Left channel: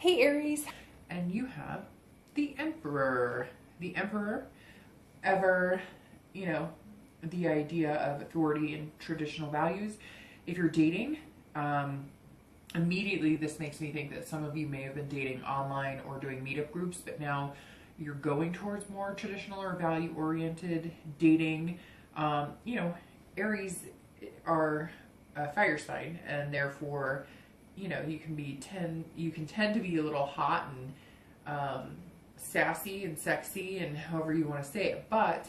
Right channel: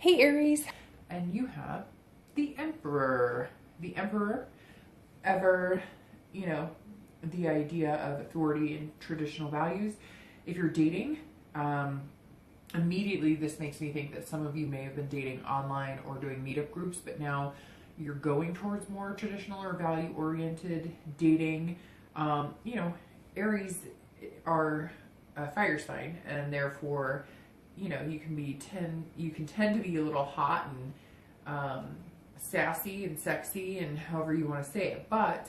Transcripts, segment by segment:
Hey Aries, and you have the Emperor. The Emperor, ever, you know, the idea of authority and traditional values. If you're dating, immediately this makes me think that some of you may have been dating online or doing meetup groups, but now you're going towards more traditional or value-oriented dating. Aries are a fire sign, and therefore you can tend to be a little hot and sassy and sexy and however you want to say it, but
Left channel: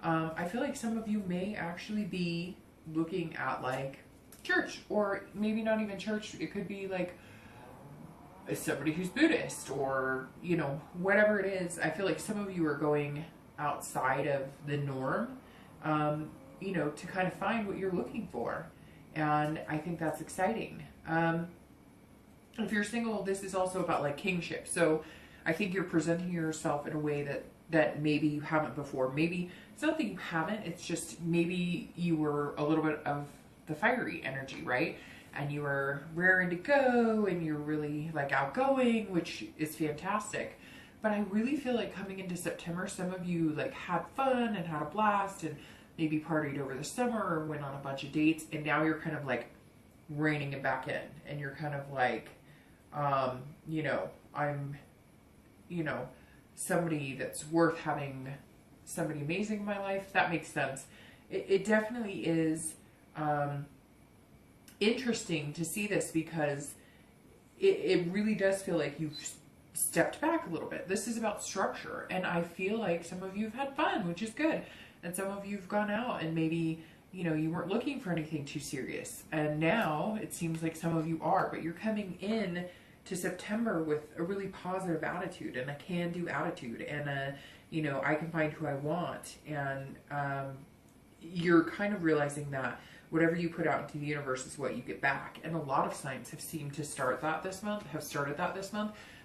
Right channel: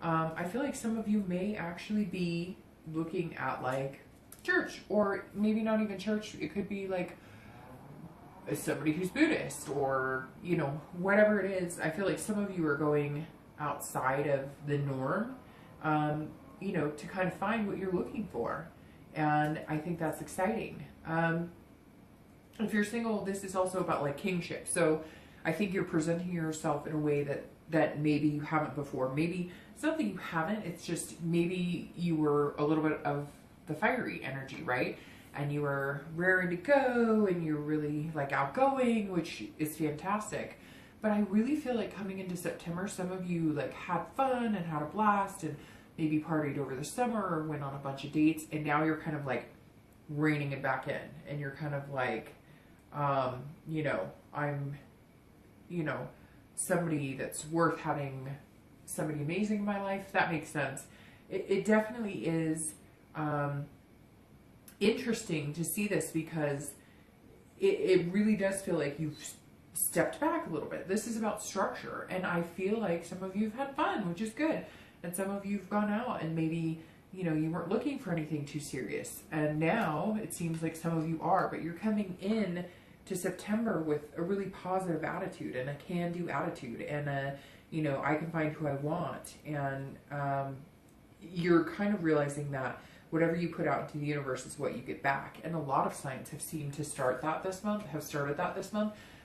I feel like some of you may actually be looking at like church, or maybe not even church. It could be like somebody who's Buddhist, or whatever it is. I feel like some of you are going outside of the norm, to kind of find what you're looking for, and I think that's exciting. If you're single, this is also about like kingship. So I think you're presenting yourself in a way that maybe you haven't before. Maybe it's not that you haven't, it's just maybe you were a little bit of the fiery energy, right? And you were raring to go, and you're really like outgoing, which is fantastic. But I really feel like coming into September, some of you like had fun and had a blast and maybe partied over the summer or went on a bunch of dates, and now you're kind of like reining it back in, and you're kind of like, I'm, somebody that's worth having somebody amazing in my life. That makes sense. It definitely is interesting to see this, because it really does feel like you've stepped back a little bit. This is about structure, and I feel like some of you have had fun, which is good, and some of you have gone out and maybe you weren't looking for anything too serious, and now it seems like some of you are, but you're coming in to September with a really positive attitude and a can-do attitude, and I can find who I want, and you're kind of realizing that whatever you put out into the universe is what you get back, and a lot of signs have seemed to started that this month.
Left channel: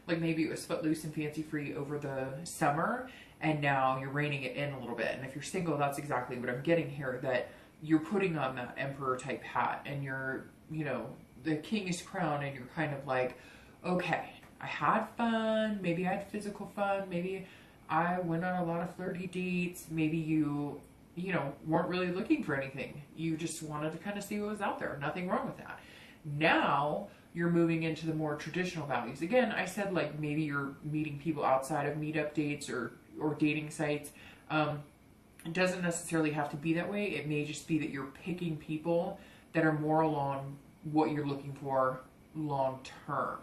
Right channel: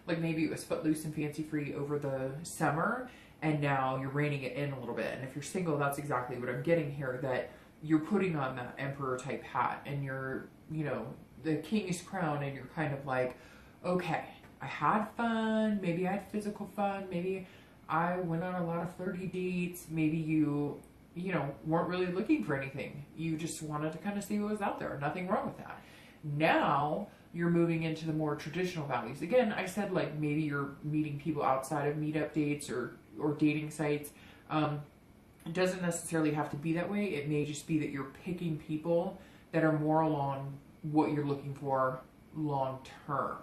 Like maybe it was footloose and fancy-free over the summer, and now you're reining it in a little bit. And if you're single, that's exactly what I'm getting here, that you're putting on that emperor type hat, and you're, the king's crown, and you're kind of like, okay, I had fun, maybe I had physical fun, maybe I went on a lot of flirty dates, maybe you weren't really looking for anything. You just wanted to kind of see what was out there. Nothing wrong with that. Now you're moving into the more traditional values. Again, I said like maybe you're meeting people outside of meetup dates or dating sites. It doesn't necessarily have to be that way. It may just be that you're picking people that are more along what you're looking for long term.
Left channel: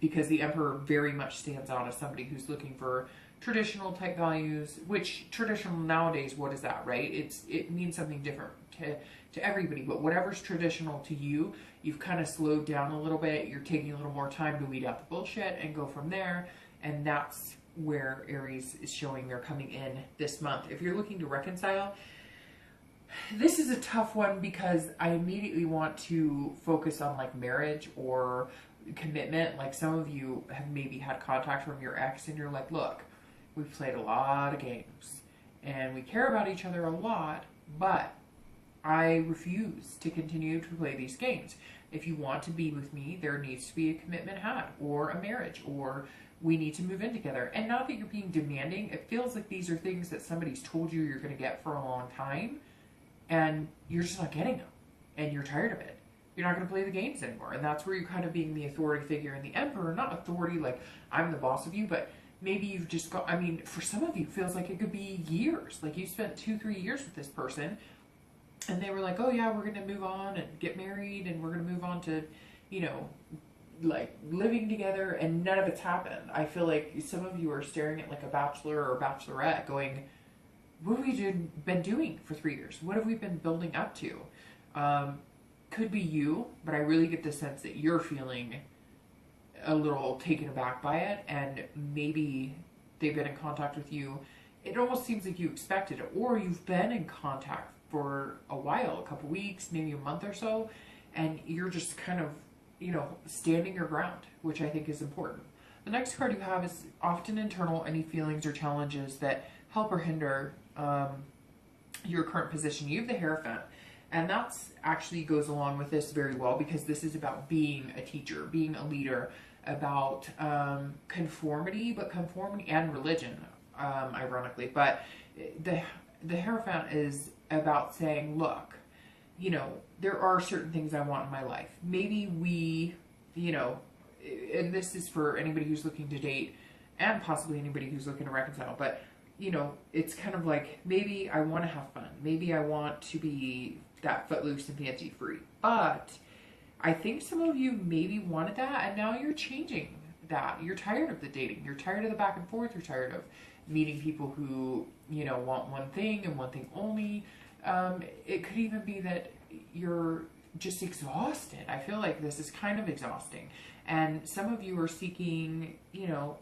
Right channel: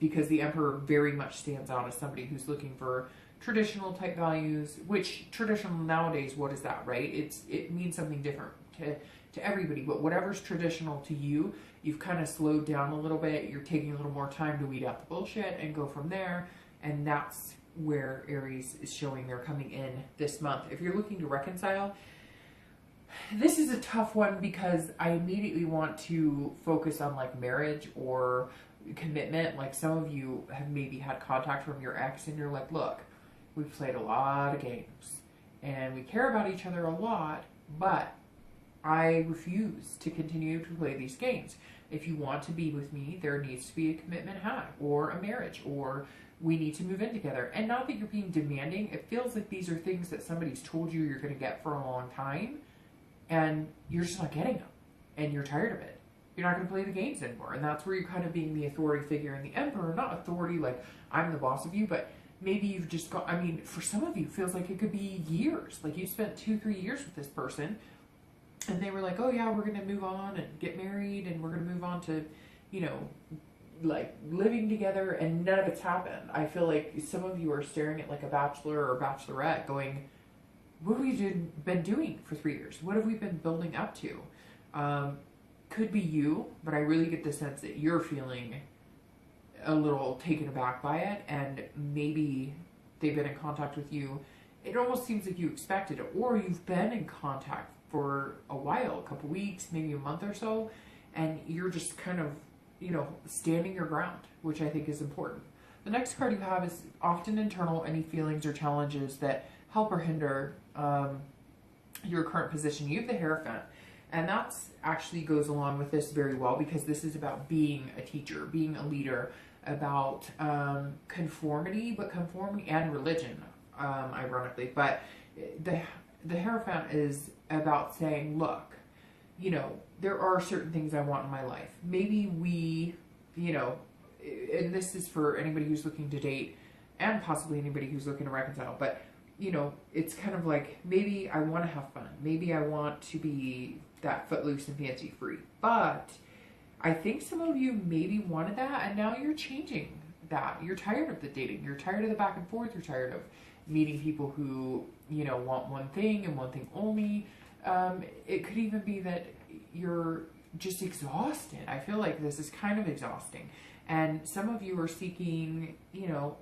Because the Emperor very much stands out as somebody who's looking for traditional type values, which traditional nowadays, what is that, right? It means something different to everybody, but whatever's traditional to you, you've kind of slowed down a little bit. You're taking a little more time to weed out the bullshit and go from there, and that's where Aries is showing they're coming in this month. If you're looking to reconcile, this is a tough one, because I immediately want to focus on like marriage or commitment. Like some of you have maybe had contact from your ex, and you're like, look, we've played a lot of games and we care about each other a lot, but I refuse to continue to play these games. If you want to be with me, there needs to be a commitment had, or a marriage, or we need to move in together. And not that you're being demanding. It feels like these are things that somebody's told you you're going to get for a long time, and you're just not getting them, and you're tired of it. You're not going to play the games anymore. And that's where you're kind of being the authority figure in the Emperor. Not authority like I'm the boss of you, but maybe you've just got, for some of you, it feels like it could be years. Like you spent 2-3 years with this person, and they were like, oh yeah, we're going to move on and get married, and we're going to move on to, like living together, and none of it's happened. I feel like some of you are staring at like a bachelor or bachelorette going, what have we been doing for 3 years? What have we been building up to? Could be you, but I really get the sense that you're feeling a little taken aback by it, and maybe they've been in contact with you. It almost seems like you expected it, or you've been in contact for a while, a couple weeks, maybe a month or so, and you're just kind of, standing your ground, which I think is important. The next card you have is often internal, any feelings or challenges that help or hinder your current position. You have the Hierophant, and that's actually goes along with this very well, because this is about being a teacher, being a leader, about conformity, but conformity and religion, ironically. But the Hierophant is about saying, look, you know, there are certain things I want in my life. Maybe we, you know, and this is for anybody who's looking to date and possibly anybody who's looking to reconcile, but, you know, it's kind of like, maybe I want to have fun. Maybe I want to be that footloose and fancy free. But I think some of you maybe wanted that, and now you're changing that. You're tired of the dating. You're tired of the back and forth. You're tired of meeting people who, you know, want one thing and one thing only. It could even be that you're just exhausted. I feel like this is kind of exhausting. And some of you are seeking, you know,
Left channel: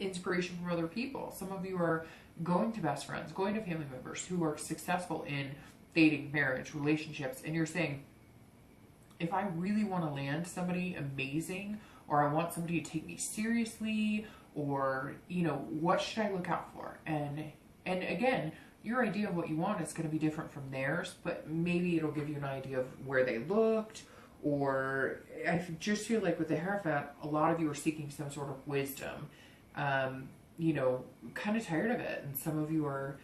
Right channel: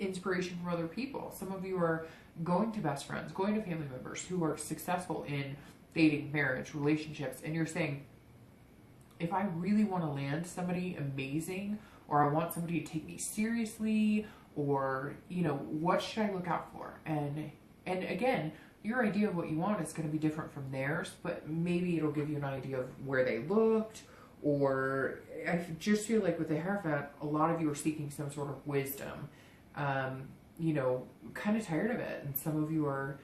inspiration from other people. Some of you are going to best friends, going to family members who are successful in dating, marriage, relationships, and you're saying, if I really want to land somebody amazing, or I want somebody to take me seriously, or, you know, what should I look out for? And again, your idea of what you want is going to be different from theirs, but maybe it'll give you an idea of where they looked, or I just feel like with the Hierophant, a lot of you are seeking some sort of wisdom, you know, kind of tired of it, and some of you are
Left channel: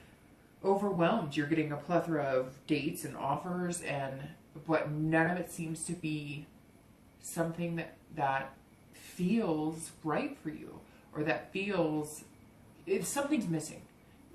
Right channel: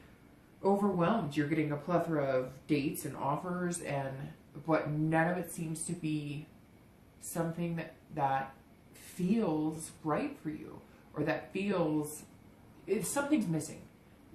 overwhelmed. You're getting a plethora of dates and offers, but none of it seems to be something that feels right for you, or that feels, something's missing.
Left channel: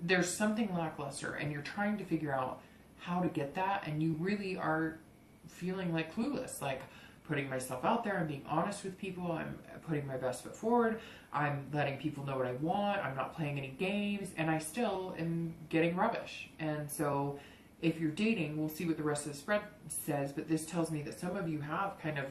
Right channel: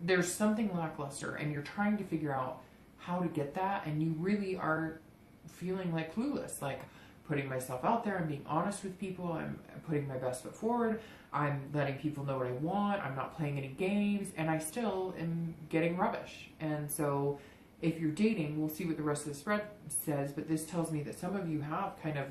There's something lackluster, and you're trying to figure out how to get that, and you really are feeling like clueless, like putting myself out there, I'm being honest with people, I'm putting my best foot forward, I'm letting people know what I want, I'm not playing any games, and I still am getting rubbish. And so if you're dating, we'll see what the rest of the spread says, but this tells me that some of you have kind of,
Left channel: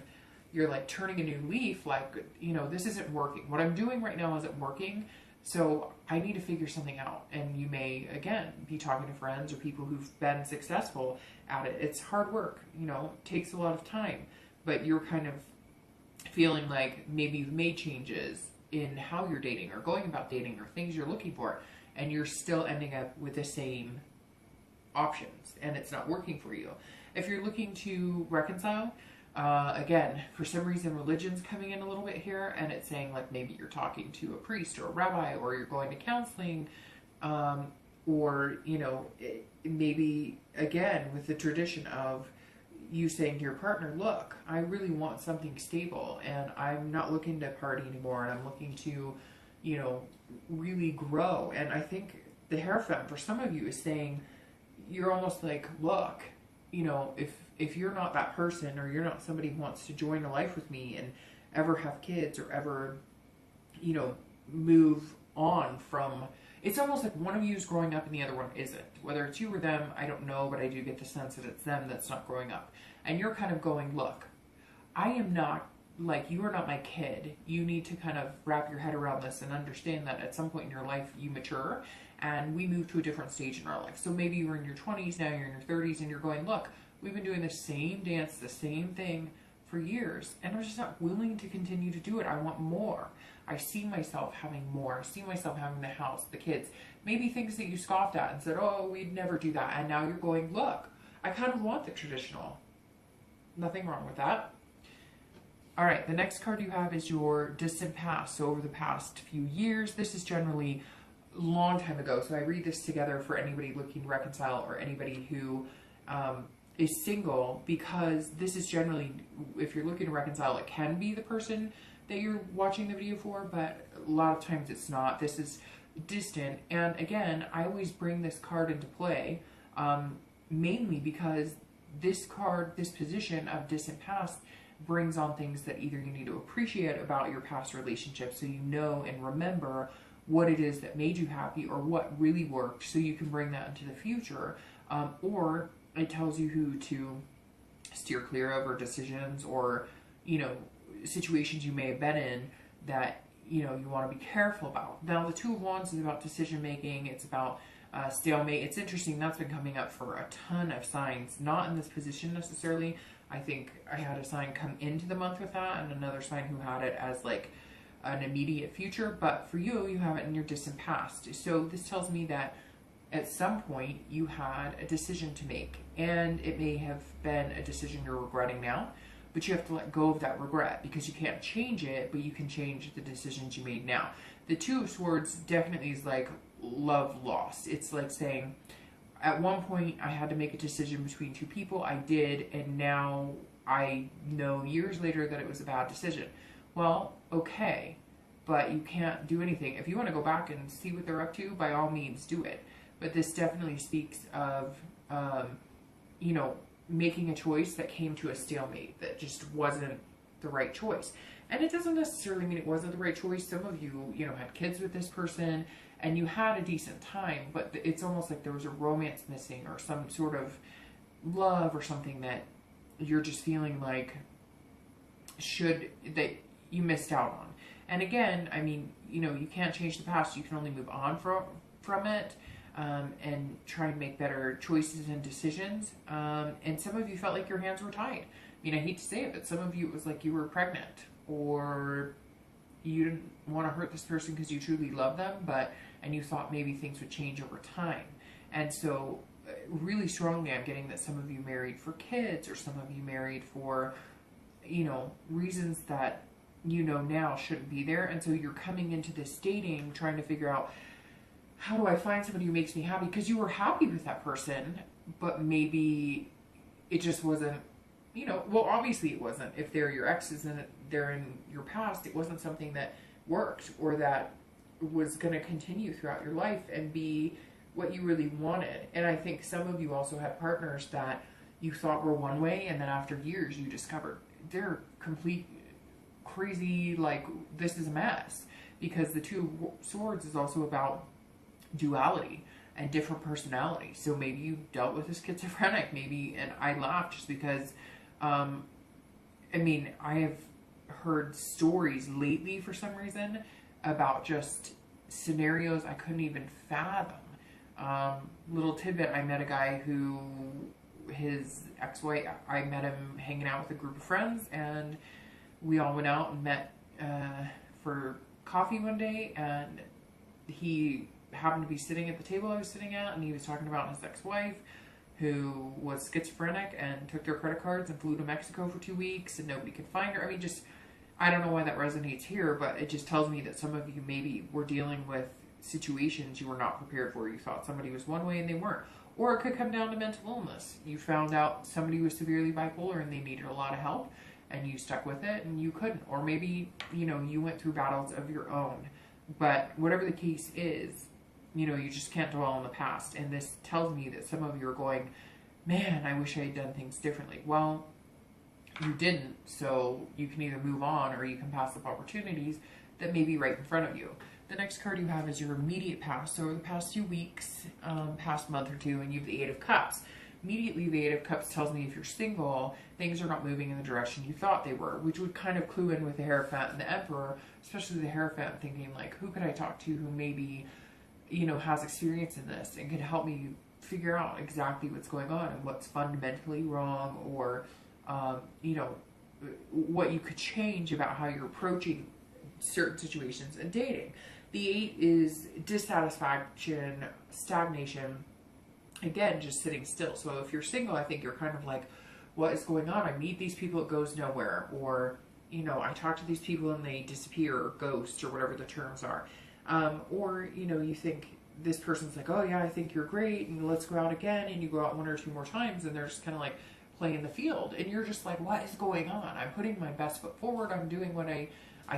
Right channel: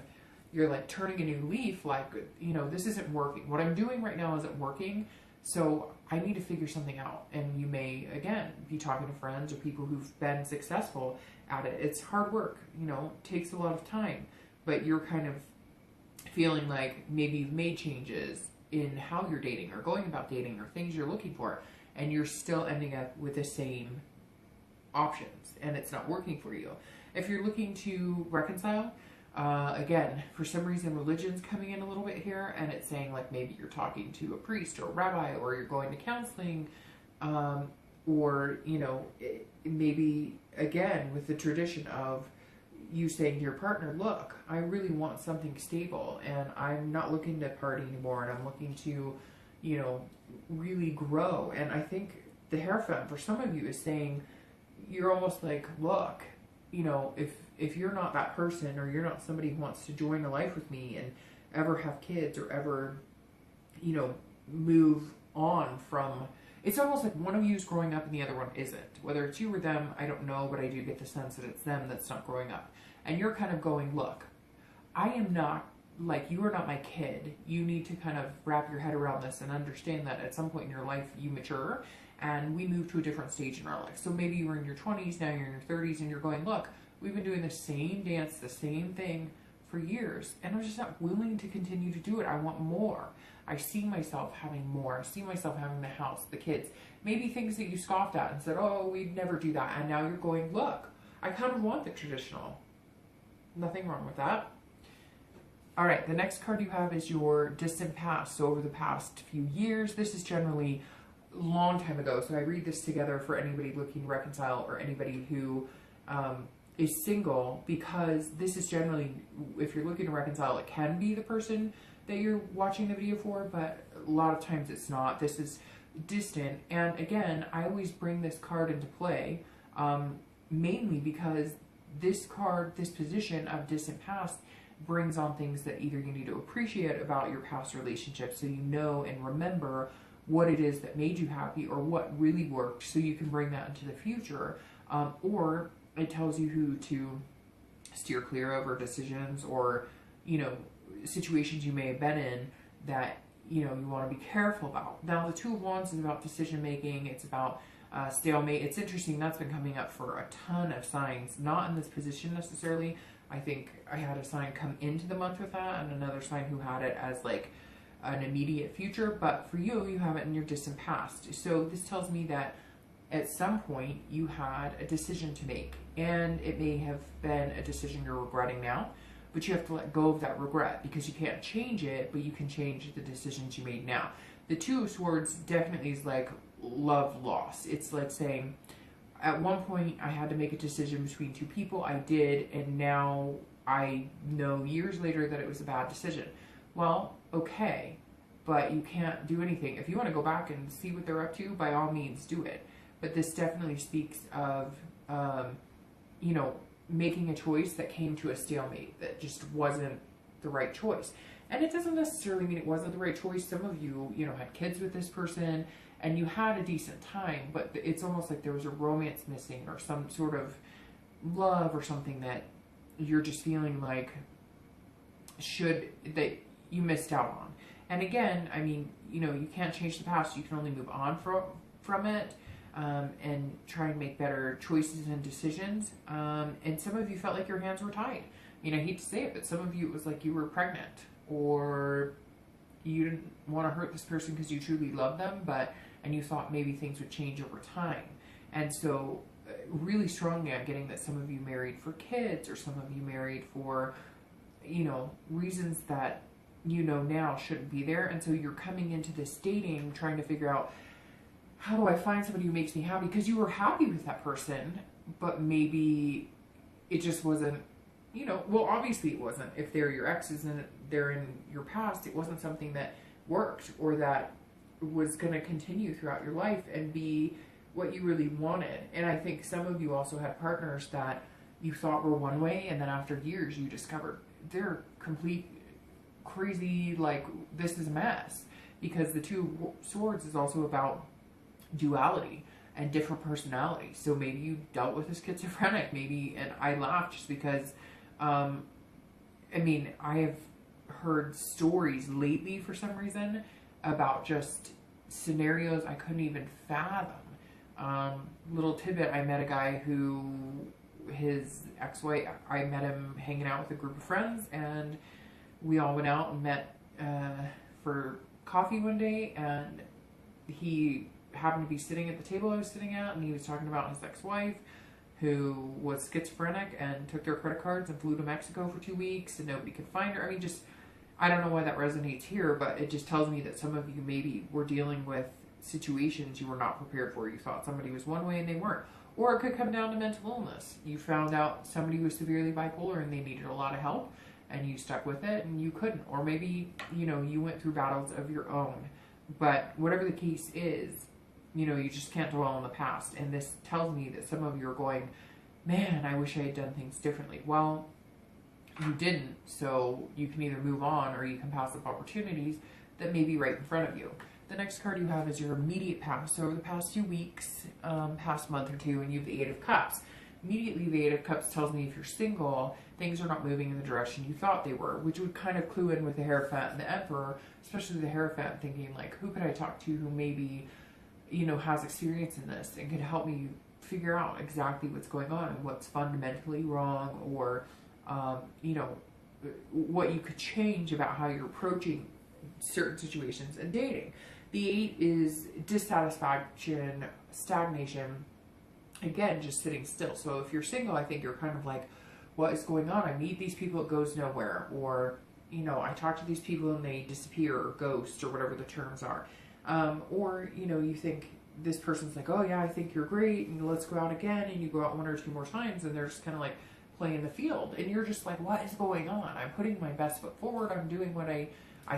you're like turning a new leaf, like, you know, this isn't working. What I'm doing right now isn't working, so I need to figure something out. And you may, again, be talking to friends or people who've been successful at it. It's hard work, you know, takes a lot of time, but you're kind of feeling like maybe you've made changes in how you're dating or going about dating or things you're looking for, and you're still ending up with the same options, and it's not working for you. If you're looking to reconcile, again, for some reason, religion's coming in a little bit here, and it's saying like maybe you're talking to a priest or a rabbi, or you're going to counseling, or, you know, maybe again with the tradition of you saying to your partner, look, I really want something stable, and I'm not looking to party anymore, and I'm looking to, you know, really grow. And I think the Hierophant for some of you is saying, you're almost like, look, you know, if you're not that person, or you're not somebody who wants to join a life with me and ever have kids, or ever, you know, move on from, it's almost like one of you is growing up and the other one isn't. Whether it's you or them, I don't know, but I do get the sense that it's them that's not growing up. And you're kind of going, look, I am not, like, you are not my kid. You need to kind of wrap your head around this and understand that at some point in your life you mature and we move to a different stage in our life. So maybe you were in your 20s, now you're in your 30s, and you're going, look, we've been doing the same dance, the same thing for years, and I'm just not willing to continue to do it. I want more. I see myself having more. I see myself having the house, the kids, maybe things that you scoffed at and said, oh, we'd never do that. And now you're going, look, I kind of want the traditional. Nothing wrong with that. All right, the next card you have is your distant past. So over the past few years, this is generally a long time ago. So I read this together for anybody looking to reconcile, or anybody who is single, because this is generally, if you're looking to reconcile, it can be the person that you're watching the video for, but a lot of times it's not. This is distant. And again, I always bring this card into play, mainly because this card, this position of distant past, brings on things that either you need to appreciate about your past relationship, so you know and remember what it is that made you happy, or what really worked, so you can bring that into the future, or it tells you who to steer clear of, or decisions, or, you know, situations you may have been in that, you know, you want to be careful about. Now, the Two of Wands is about decision making. It's about stalemate. It's interesting, that's been coming up for a ton of signs, not in this position necessarily. I think I had a sign come into the month with that, and another sign who had it as like an immediate future, but for you, you have it in your distant past. So this tells me that at some point you had a decision to make, and it may have been a decision you're regretting now, but you have to let go of that regret because you can't change it, but you can change the decisions you made now. The Two of Swords definitely is like love lost. It's like saying, at one point I had to make a decision between two people. I did, and now I know years later that it was a bad decision. Well, okay, but you can't do anything. If you want to go back and see what they're up to, by all means do it. But this definitely speaks of, you know, making a choice that came to a stalemate, that just wasn't the right choice. And it doesn't necessarily mean it wasn't the right choice. Some of you, you know, had kids with this person and you had a decent time, but it's almost like there was a romance missing or some sort of love or something that you're just feeling like that you missed out on. And again, I mean, you know, you can't change the past. You can only move on from it, and try and make better choices and decisions. And some of you felt like your hands were tied. I mean, I hate to say it, but some of you, it was like you were pregnant, or you didn't want to hurt this person because you truly love them, and you thought maybe things would change over time. And so really strongly I'm getting that some of you married for kids, or some of you married for, you know, reasons that you know now shouldn't be there. And so you're coming into this dating trying to figure out, how do I find somebody who makes me happy? Because you were happy with that person, but maybe it just wasn't, you know, well, obviously it wasn't. If they're your exes and they're in your past, it wasn't something that worked or that was going to continue throughout your life and be what you really wanted. And I think some of you also had partners that you thought were one way, and then after years you discovered they're complete crazy, like, this is a mess. Because the Two of Swords is also about duality and different personalities. So maybe you dealt with a schizophrenic, maybe, and I laugh just because, I mean, I have heard stories lately for some reason about just scenarios I couldn't even fathom. Little tidbit, I met a guy who, his ex-wife, I met him hanging out with a group of friends, and we all went out and met for coffee one day, and he happened to be sitting at the table I was sitting at, and he was talking about his ex-wife who was schizophrenic and took their credit cards and flew to Mexico for 2 weeks and nobody could find her. I mean, just, I don't know why that resonates here, but it just tells me that some of you maybe were dealing with situations you were not prepared for. You thought somebody was one way and they weren't. Or it could come down to mental illness. You found out somebody was severely bipolar and they needed a lot of help, and you stuck with it and you couldn't. Or maybe, you know, you went through battles of your own. But whatever the case is, you know, you just can't dwell on the past. And this tells me that some of you are going, man, I wish I had done things differently. Well, you didn't. So you can either move on or you can pass up opportunities that may be right in front of you. The next card you have is your immediate past. So over the past few weeks, past month or two, and you have the Eight of Cups. Immediately, the Eight of Cups tells me if you're single, things are not moving in the direction you thought they were, which would kind of clue in with the Hierophant and the Emperor, especially the Hierophant, thinking like, who could I talk to who maybe, you know, has experience in this and could help me figure out exactly what's going on and what's fundamentally wrong, or, you know, what you could change about how you're approaching certain situations and dating. The Eight is dissatisfaction, stagnation, again, just sitting still. So if you're single, I think you're kind of like, what is going on? I meet these people, it goes nowhere. Or, you know, I talk to these people and they disappear or ghost or whatever the terms are. Or, you know, you think this person's like, oh yeah, I think you're great and let's go out again. And you go out one or two more times and they're just kind of like playing the field. And you're just like, what is going on? I'm putting my best foot forward. I'm doing what I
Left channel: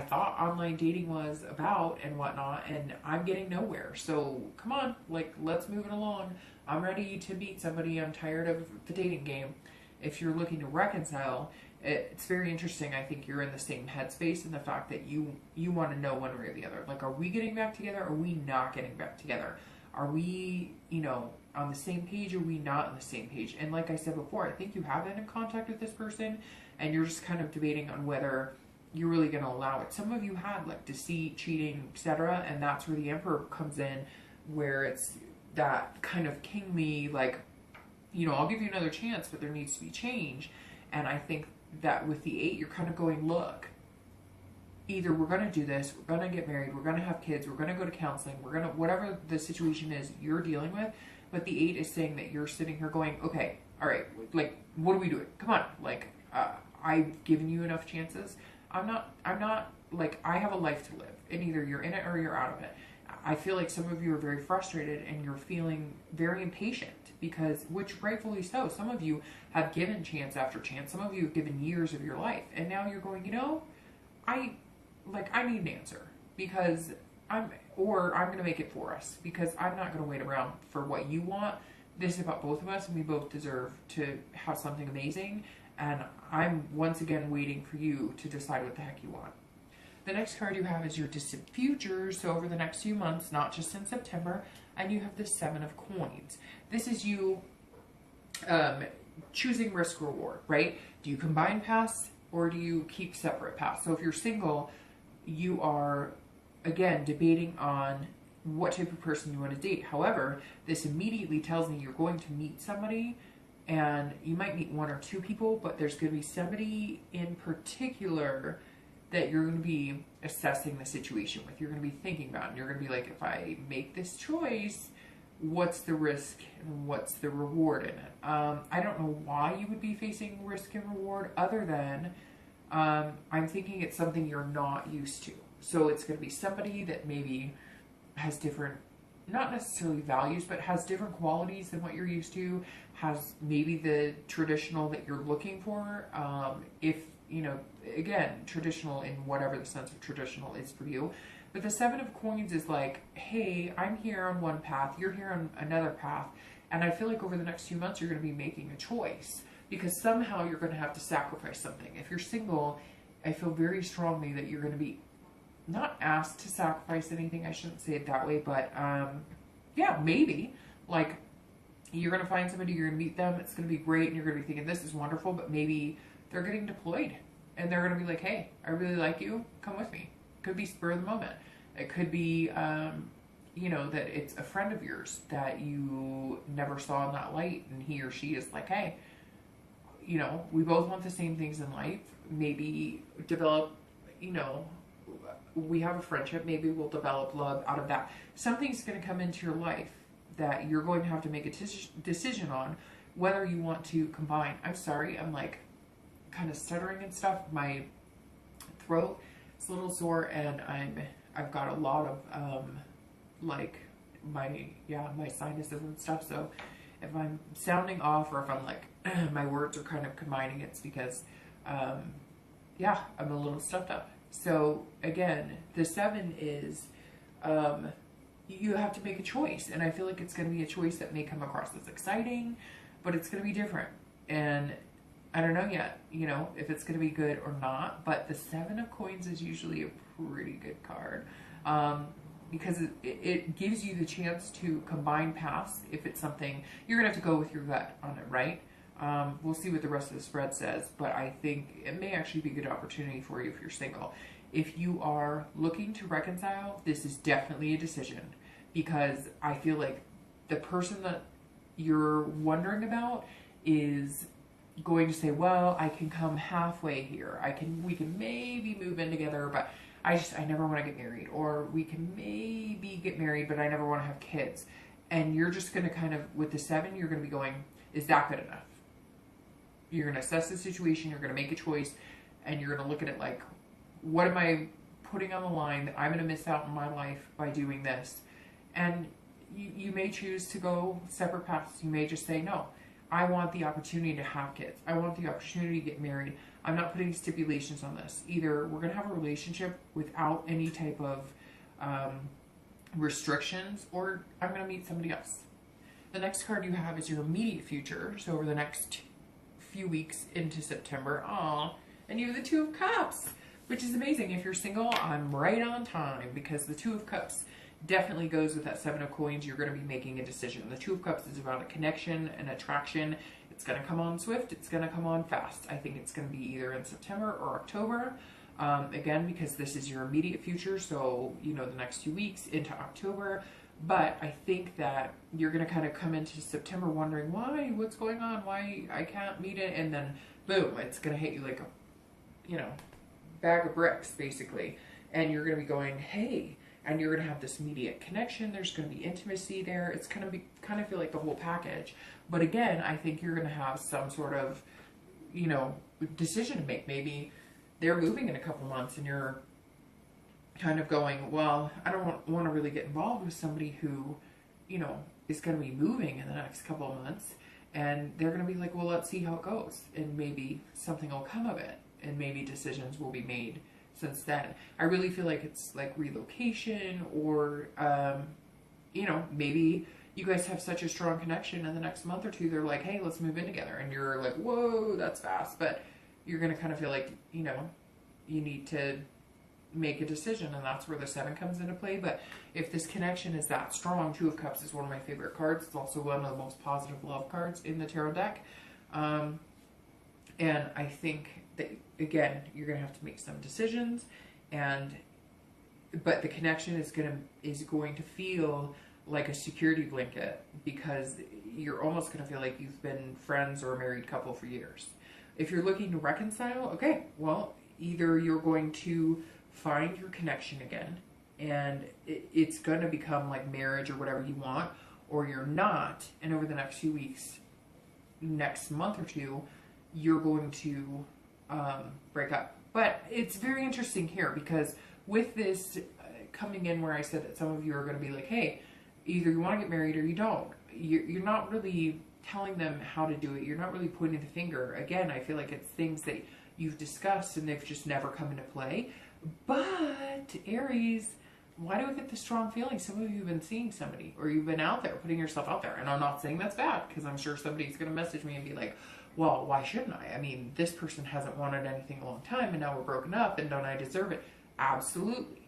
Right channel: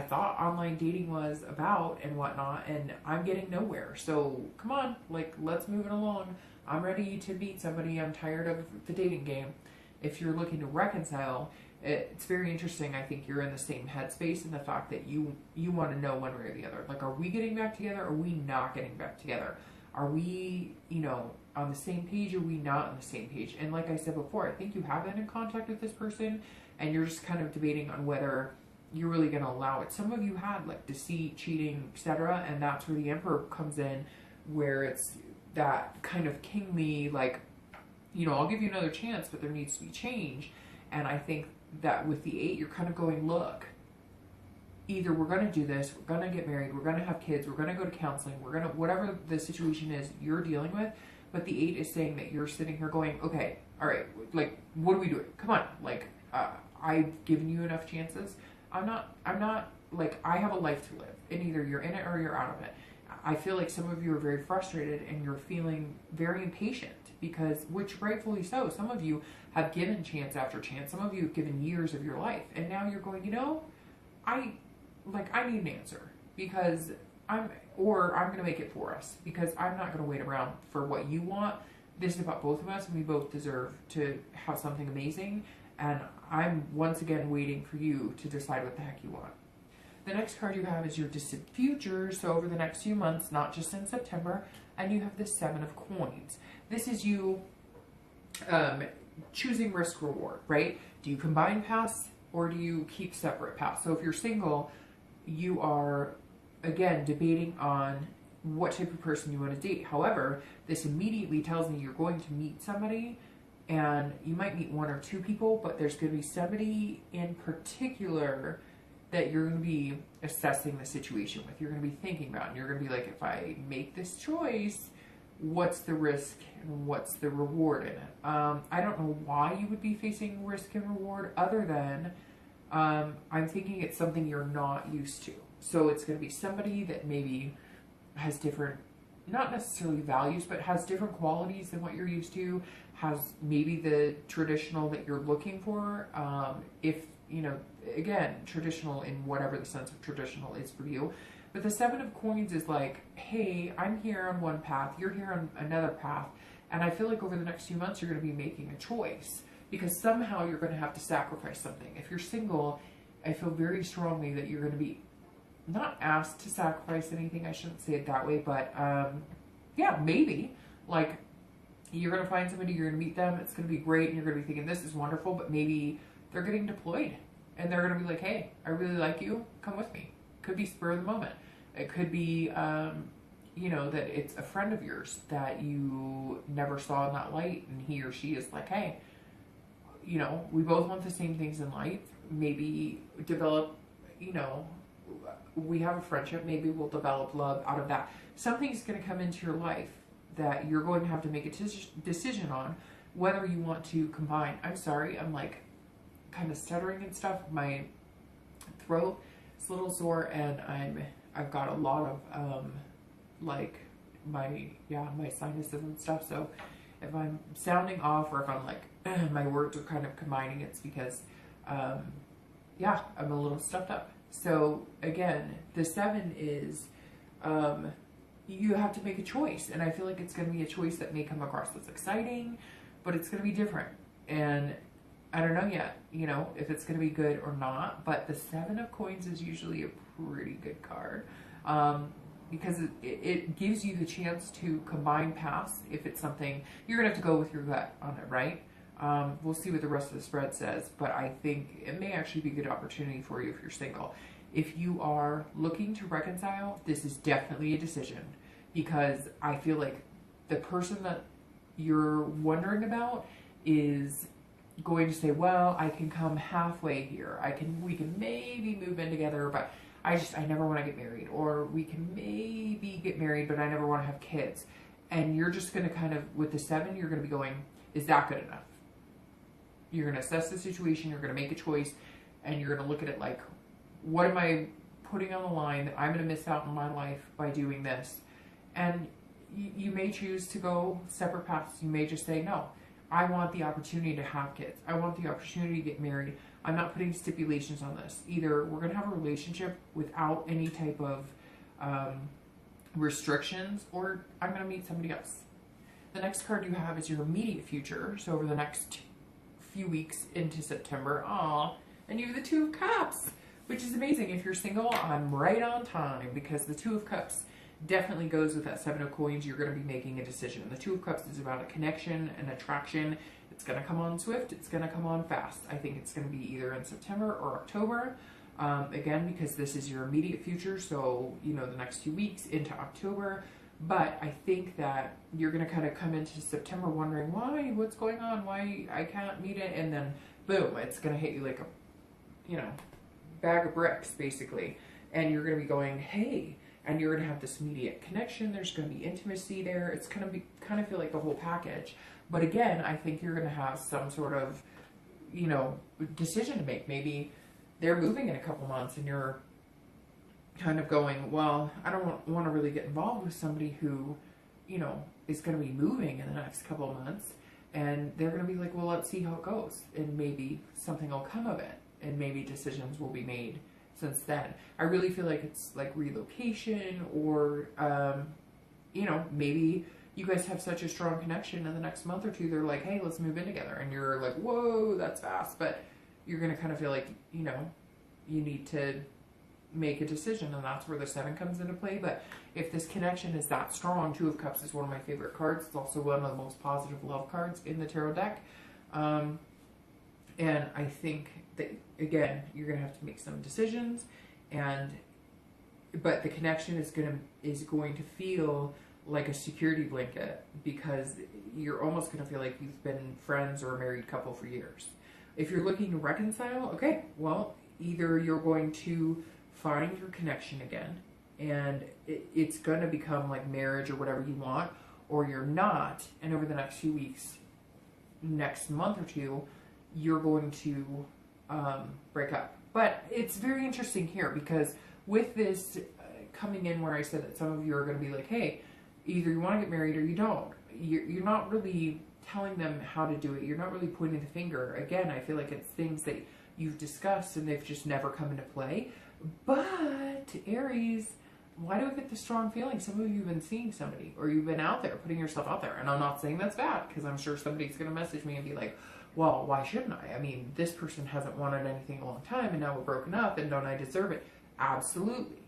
thought online dating was about and whatnot, and I'm getting nowhere. So come on, like, let's move it along. I'm ready to meet somebody. I'm tired of the dating game. If you're looking to reconcile, it's very interesting. I think you're in the same headspace in the fact that you want to know one way or the other. Like, are we getting back together? Or are we not getting back together? Are we, you know, on the same page? Or are we not on the same page? And like I said before, I think you have been in contact with this person, and you're just kind of debating on whether you're really going to allow it. Some of you had like deceit, cheating, etc., and that's where the Emperor comes in, where it's that kind of kingly, like, you know, I'll give you another chance, but there needs to be change. And I think that with the Eight, you're kind of going, look, either we're going to do this, we're going to get married, we're going to have kids, we're going to go to counseling, we're going to, whatever the situation is you're dealing with. But the Eight is saying that you're sitting here going, okay, all right, like, what are we doing? Come on, like, I've given you enough chances. I'm not like, I have a life to live, and either you're in it or you're out of it. I feel like some of you are very frustrated and you're feeling very impatient because, which rightfully so, some of you have given chance after chance. Some of you have given years of your life, and now you're going, I need an answer because I'm going to make it for us because I'm not going to wait around for what you want. This is about both of us, and we both deserve to have something amazing. And I'm once again waiting for you to decide what the heck you want. The next card you have is your distant future. So over the next few months, not just in September, and you have the Seven of Coins. This is you choosing risk reward, right? Do you combine paths or do you keep separate paths? So if you're single, you are, again, debating on what type of person you want to date. However, this immediately tells me you're going to meet somebody, and you might meet one or two people, but there's going to be somebody in particular that you're going to be assessing the situation with. You're going to be thinking about, and you're going to be like, if I make this choice, what's the risk and what's the reward in it? I don't know why you would be facing risk and reward other than I'm thinking it's something you're not used to. So it's going to be somebody that maybe has different, not necessarily values, but has different qualities than what you're used to, has maybe the traditional that you're looking for. If, again, traditional in whatever the sense of traditional is for you. But the Seven of Coins is like, hey, I'm here on one path, you're here on another path. And I feel like over the next few months, you're going to be making a choice because somehow you're going to have to sacrifice something. If you're single, I feel very strongly that you're going to be not asked to sacrifice anything. I shouldn't say it that way, but yeah, maybe. Like, you're going to find somebody, you're going to meet them, it's going to be great, and you're going to be thinking, this is wonderful, but maybe they're getting deployed, and they're going to be like, hey, I really like you, come with me. Could be spur of the moment. It could be, that it's a friend of yours that you never saw in that light, and he or she is like, hey, we both want the same things in life. Maybe develop, we have a friendship, maybe we'll develop love out of that. Something's going to come into your life that you're going to have to make a decision on whether you want to combine. I'm sorry, I'm like kind of stuttering and stuff. My throat is a little sore, and I've got a lot of my sinuses and stuff. So if I'm sounding off or if I'm like my words are kind of combining, it's because I'm a little stuffed up. So again, the seven is you have to make a choice, and I feel like it's going to be a choice that may come across as exciting, but it's going to be different, and I don't know yet, if it's going to be good or not. But the Seven of Coins is usually a pretty good card because it gives you the chance to combine paths if it's something you're going to have to go with your gut on it, right? We'll see what the rest of the spread says, but I think it may actually be a good opportunity for you if you're single. If you are looking to reconcile, this is definitely a decision, because I feel like the person that you're wondering about is going to say, well, I can come halfway here. We can maybe move in together, but I never want to get married. Or we can maybe get married, but I never want to have kids. And you're just going to kind of, with the seven, you're going to be going, is that good enough? You're going to assess the situation, you're going to make a choice, and you're going to look at it like, what am I putting on the line that I'm going to miss out on my life by doing this? And you may choose to go separate paths. You may just say, no, I want the opportunity to have kids. I want the opportunity to get married. I'm not putting stipulations on this. Either we're going to have a relationship without any type of restrictions, or I'm going to meet somebody else. The next card you have is your immediate future. So over the next few weeks into September, and you have the Two of Cups, which is amazing. If you're single, I'm right on time, because the Two of Cups definitely goes with that Seven of Coins. You're going to be making a decision. The Two of Cups is around a connection, an attraction. It's going to come on swift. It's going to come on fast. I think it's going to be either in September or October. Again, because this is your immediate future, so, the next few weeks into October. But I think that you're going to kind of come into September wondering, why? What's going on? Why I can't meet it? And then, boom, it's going to hit you like a, bag of bricks, basically. And you're going to be going, hey, and you're going to have this immediate connection. There's going to be intimacy there. It's going to be kind of feel like the whole package. But again, I think you're going to have some sort of you know, decision to make. Maybe they're moving in a couple months and you're kind of going, well, I don't want to really get involved with somebody who, you know, is going to be moving in the next couple of months. And they're going to be like, well, let's see how it goes. And maybe something will come of it. And maybe decisions will be made since then. I really feel like it's like relocation or, you know, maybe you guys have such a strong connection in the next month or two, they're like, hey, let's move in together. And you're like, whoa, that's fast. But you're going to kind of feel like, you know, you need to make a decision, and that's where the 7 comes into play. But if this connection is that strong, 2 of Cups is one of my favorite cards. It's also one of the most positive love cards in the tarot deck. And I think that, again, you're going to have to make some decisions, but the connection is going to feel like a security blanket, because you're almost going to feel like you've been friends or a married couple for years. If you're looking to reconcile, okay, well, either you're going to find your connection again and it's going to become like marriage or whatever you want, or you're not, and over the next few weeks, next month or two, you're going to break up. But it's very interesting here, because with this coming in where I said that some of you are going to be like, hey, either you want to get married or you don't. You're not really telling them how to do it. You're not really pointing the finger. Again, I feel like it's things that you've discussed and they've just never come into play. But Aries, why do I get the strong feeling? Some of you have been seeing somebody, or you've been out there, putting yourself out there. And I'm not saying that's bad, because I'm sure somebody's going to message me and be like, well, why shouldn't I? I mean, this person hasn't wanted anything a long time and now we're broken up, and don't I deserve it? Absolutely.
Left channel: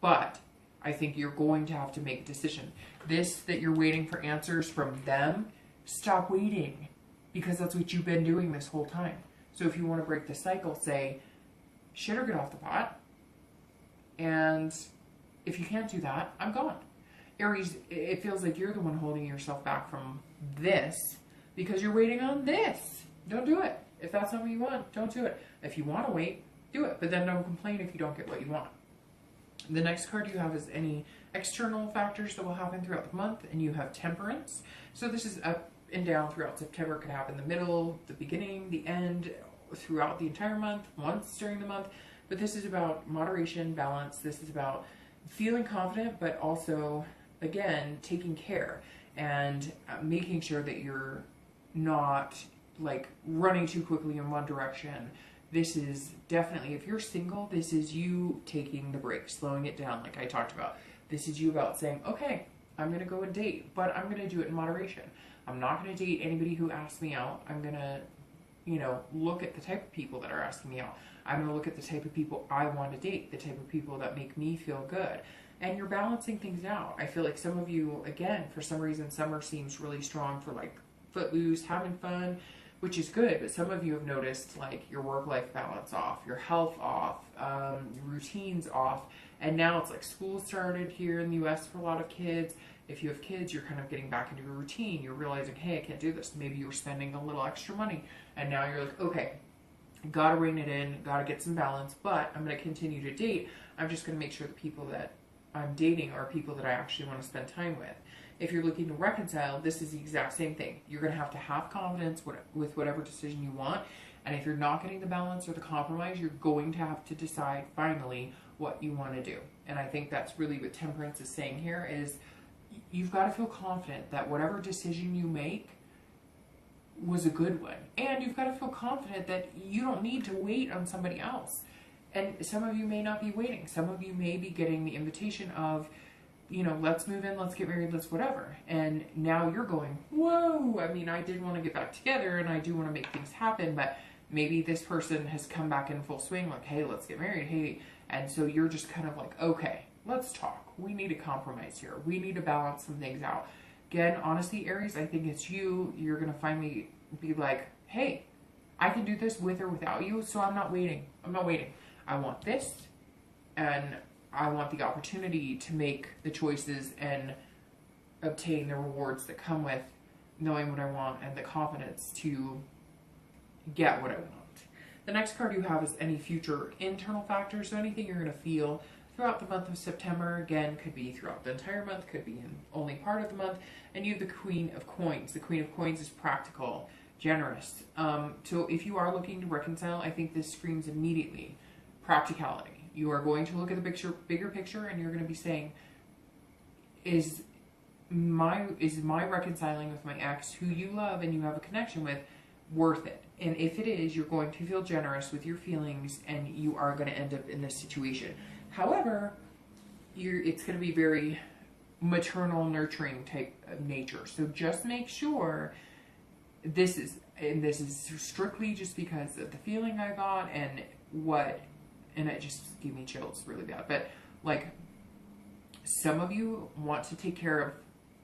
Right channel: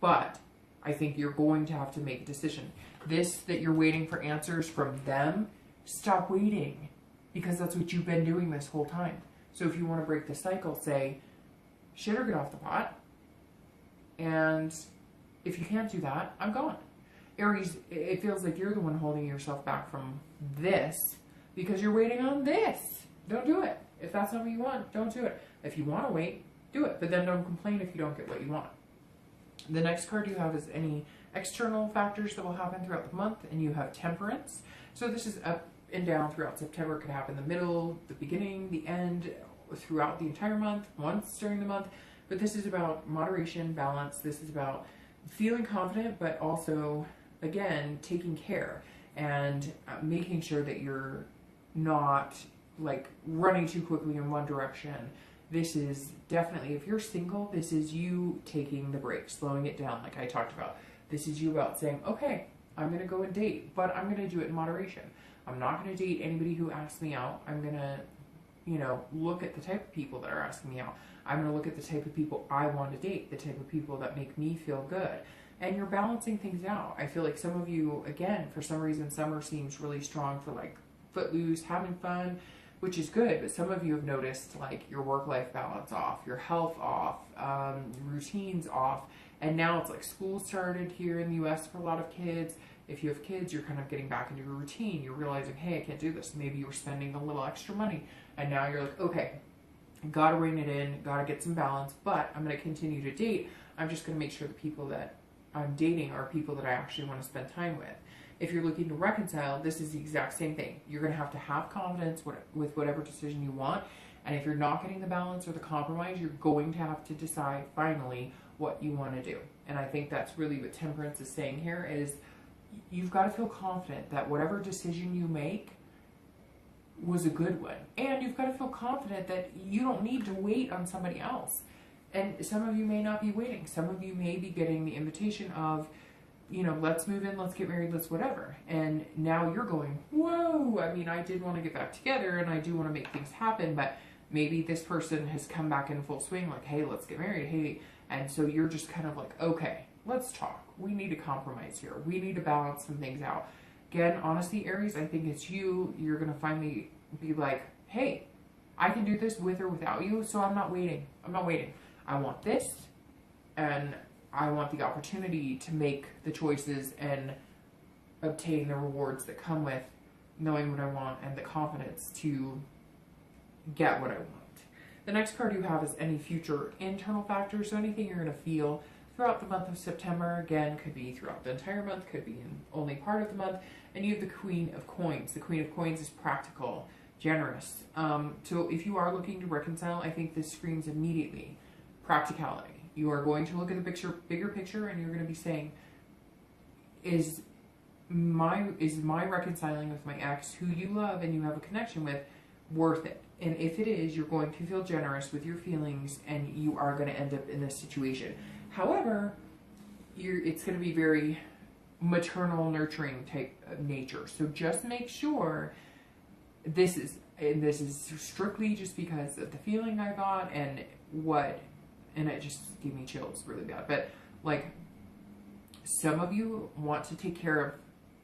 But I think you're going to have to make a decision. This that you're waiting for answers from them, stop waiting, because that's what you've been doing this whole time. So if you want to break the cycle, say, shit or get off the pot. And if you can't do that, I'm gone. Aries, it feels like you're the one holding yourself back from this because you're waiting on this. Don't do it. If that's not what you want, don't do it. If you want to wait, do it. But then don't complain if you don't get what you want. The next card you have is any external factors that will happen throughout the month, and you have Temperance. So this is up and down throughout September. It could happen in the middle, the beginning, the end, throughout the entire month, once during the month. But this is about moderation, balance. This is about feeling confident, but also, again, taking care and making sure that you're not like running too quickly in one direction. This is definitely, if you're single, this is you taking the break, slowing it down like I talked about. This is you about saying, okay, I'm going to go and date, but I'm going to do it in moderation. I'm not going to date anybody who asks me out. I'm going to, you know, look at the type of people that are asking me out. I'm going to look at the type of people I want to date, the type of people that make me feel good. And you're balancing things out. I feel like some of you, again, for some reason, summer seems really strong for like footloose, having fun, which is good. But some of you have noticed like your work-life balance off, your health off, routines off. And now it's like school started here in the US for a lot of kids. If you have kids, you're kind of getting back into a routine. You're realizing, hey, I can't do this. Maybe you're spending a little extra money. And now you're like, okay, gotta rein it in, gotta get some balance, but I'm gonna continue to date. I'm just gonna make sure the people that I'm dating are people that I actually want to spend time with. If you're looking to reconcile, this is the exact same thing. You're gonna have to have confidence with whatever decision you want. And if you're not getting the balance or the compromise, you're going to have to decide finally what you want to do. And I think that's really what Temperance is saying here is you've got to feel confident that whatever decision you make was a good one. And you've got to feel confident that you don't need to wait on somebody else. And some of you may not be waiting. Some of you may be getting the invitation of, you know, let's move in, let's get married, let's whatever. And now you're going, whoa, I mean, I did want to get back together and I do want to make things happen, but maybe this person has come back in full swing, like, hey, let's get married, hey. And so you're just kind of like, okay, let's talk. We need a compromise here. We need to balance some things out. Again, honestly, Aries, I think it's you. You're going to finally be like, hey, I can do this with or without you, so I'm not waiting. I'm not waiting. I want this, and I want the opportunity to make the choices and obtain the rewards that come with knowing what I want and the confidence to get what I want. The next card you have is any future internal factors, so anything you're going to feel throughout the month of September. Again, could be throughout the entire month, could be in only part of the month. And you have the Queen of Coins. The Queen of Coins is practical. generous. So if you are looking to reconcile, I think this screams immediately practicality. You are going to look at the bigger picture, and you're going to be saying, is my reconciling with my ex, who you love and you have a connection with, worth it? And if it is, you're going to feel generous with your feelings, and you are going to end up in this situation. However, it's going to be very maternal, nurturing type of nature. So just make sure this is strictly just because of the feeling I got and it just gave me chills really bad. But like, some of you want to take care of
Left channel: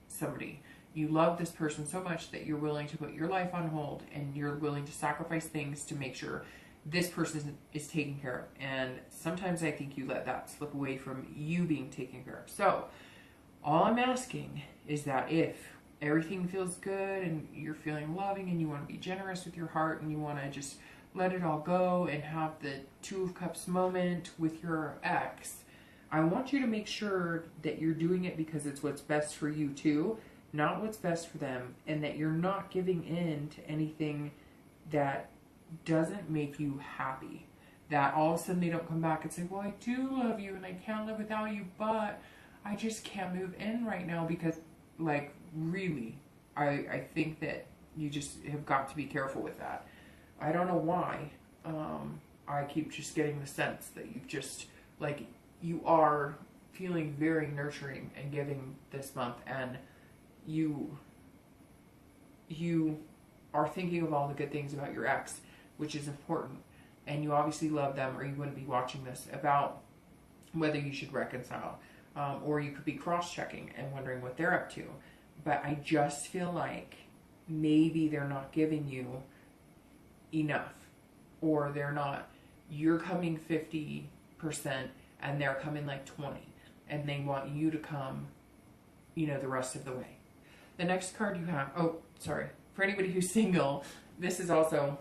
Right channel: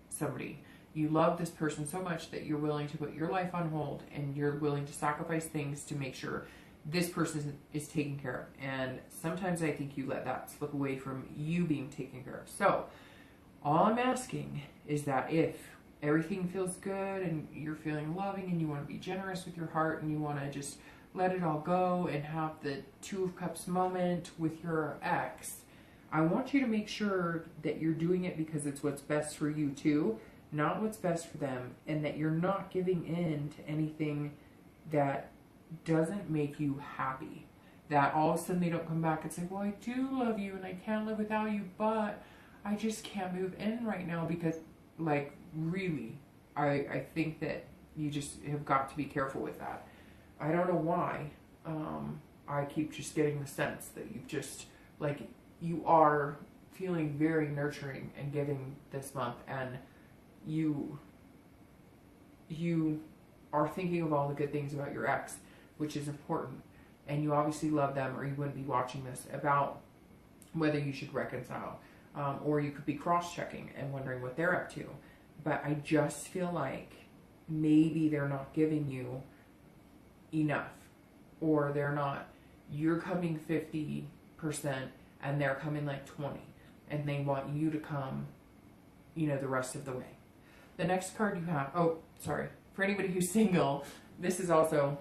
somebody. You love this person so much that you're willing to put your life on hold, and you're willing to sacrifice things to make sure this person is taken care of. And sometimes I think you let that slip away from you being taken care of. So all I'm asking is that if everything feels good and you're feeling loving and you want to be generous with your heart and you want to just let it all go and have the Two of Cups moment with your ex, I want you to make sure that you're doing it because it's what's best for you too, not what's best for them, and that you're not giving in to anything that doesn't make you happy. That all of a sudden they don't come back and say, well, I do love you and I can't live without you, but I just can't move in right now because, like, really, I think that you just have got to be careful with that. I don't know why. I keep just getting the sense that you just, like, you are feeling very nurturing and giving this month, and you are thinking of all the good things about your ex, which is important. And you obviously love them, or you wouldn't be watching this about whether you should reconcile. Or you could be cross-checking and wondering what they're up to. But I just feel like maybe they're not giving you enough. Or you're coming 50% and they're coming like 20. And they want you to come, the rest of the way. The next card you have, for anybody who's single, this is also,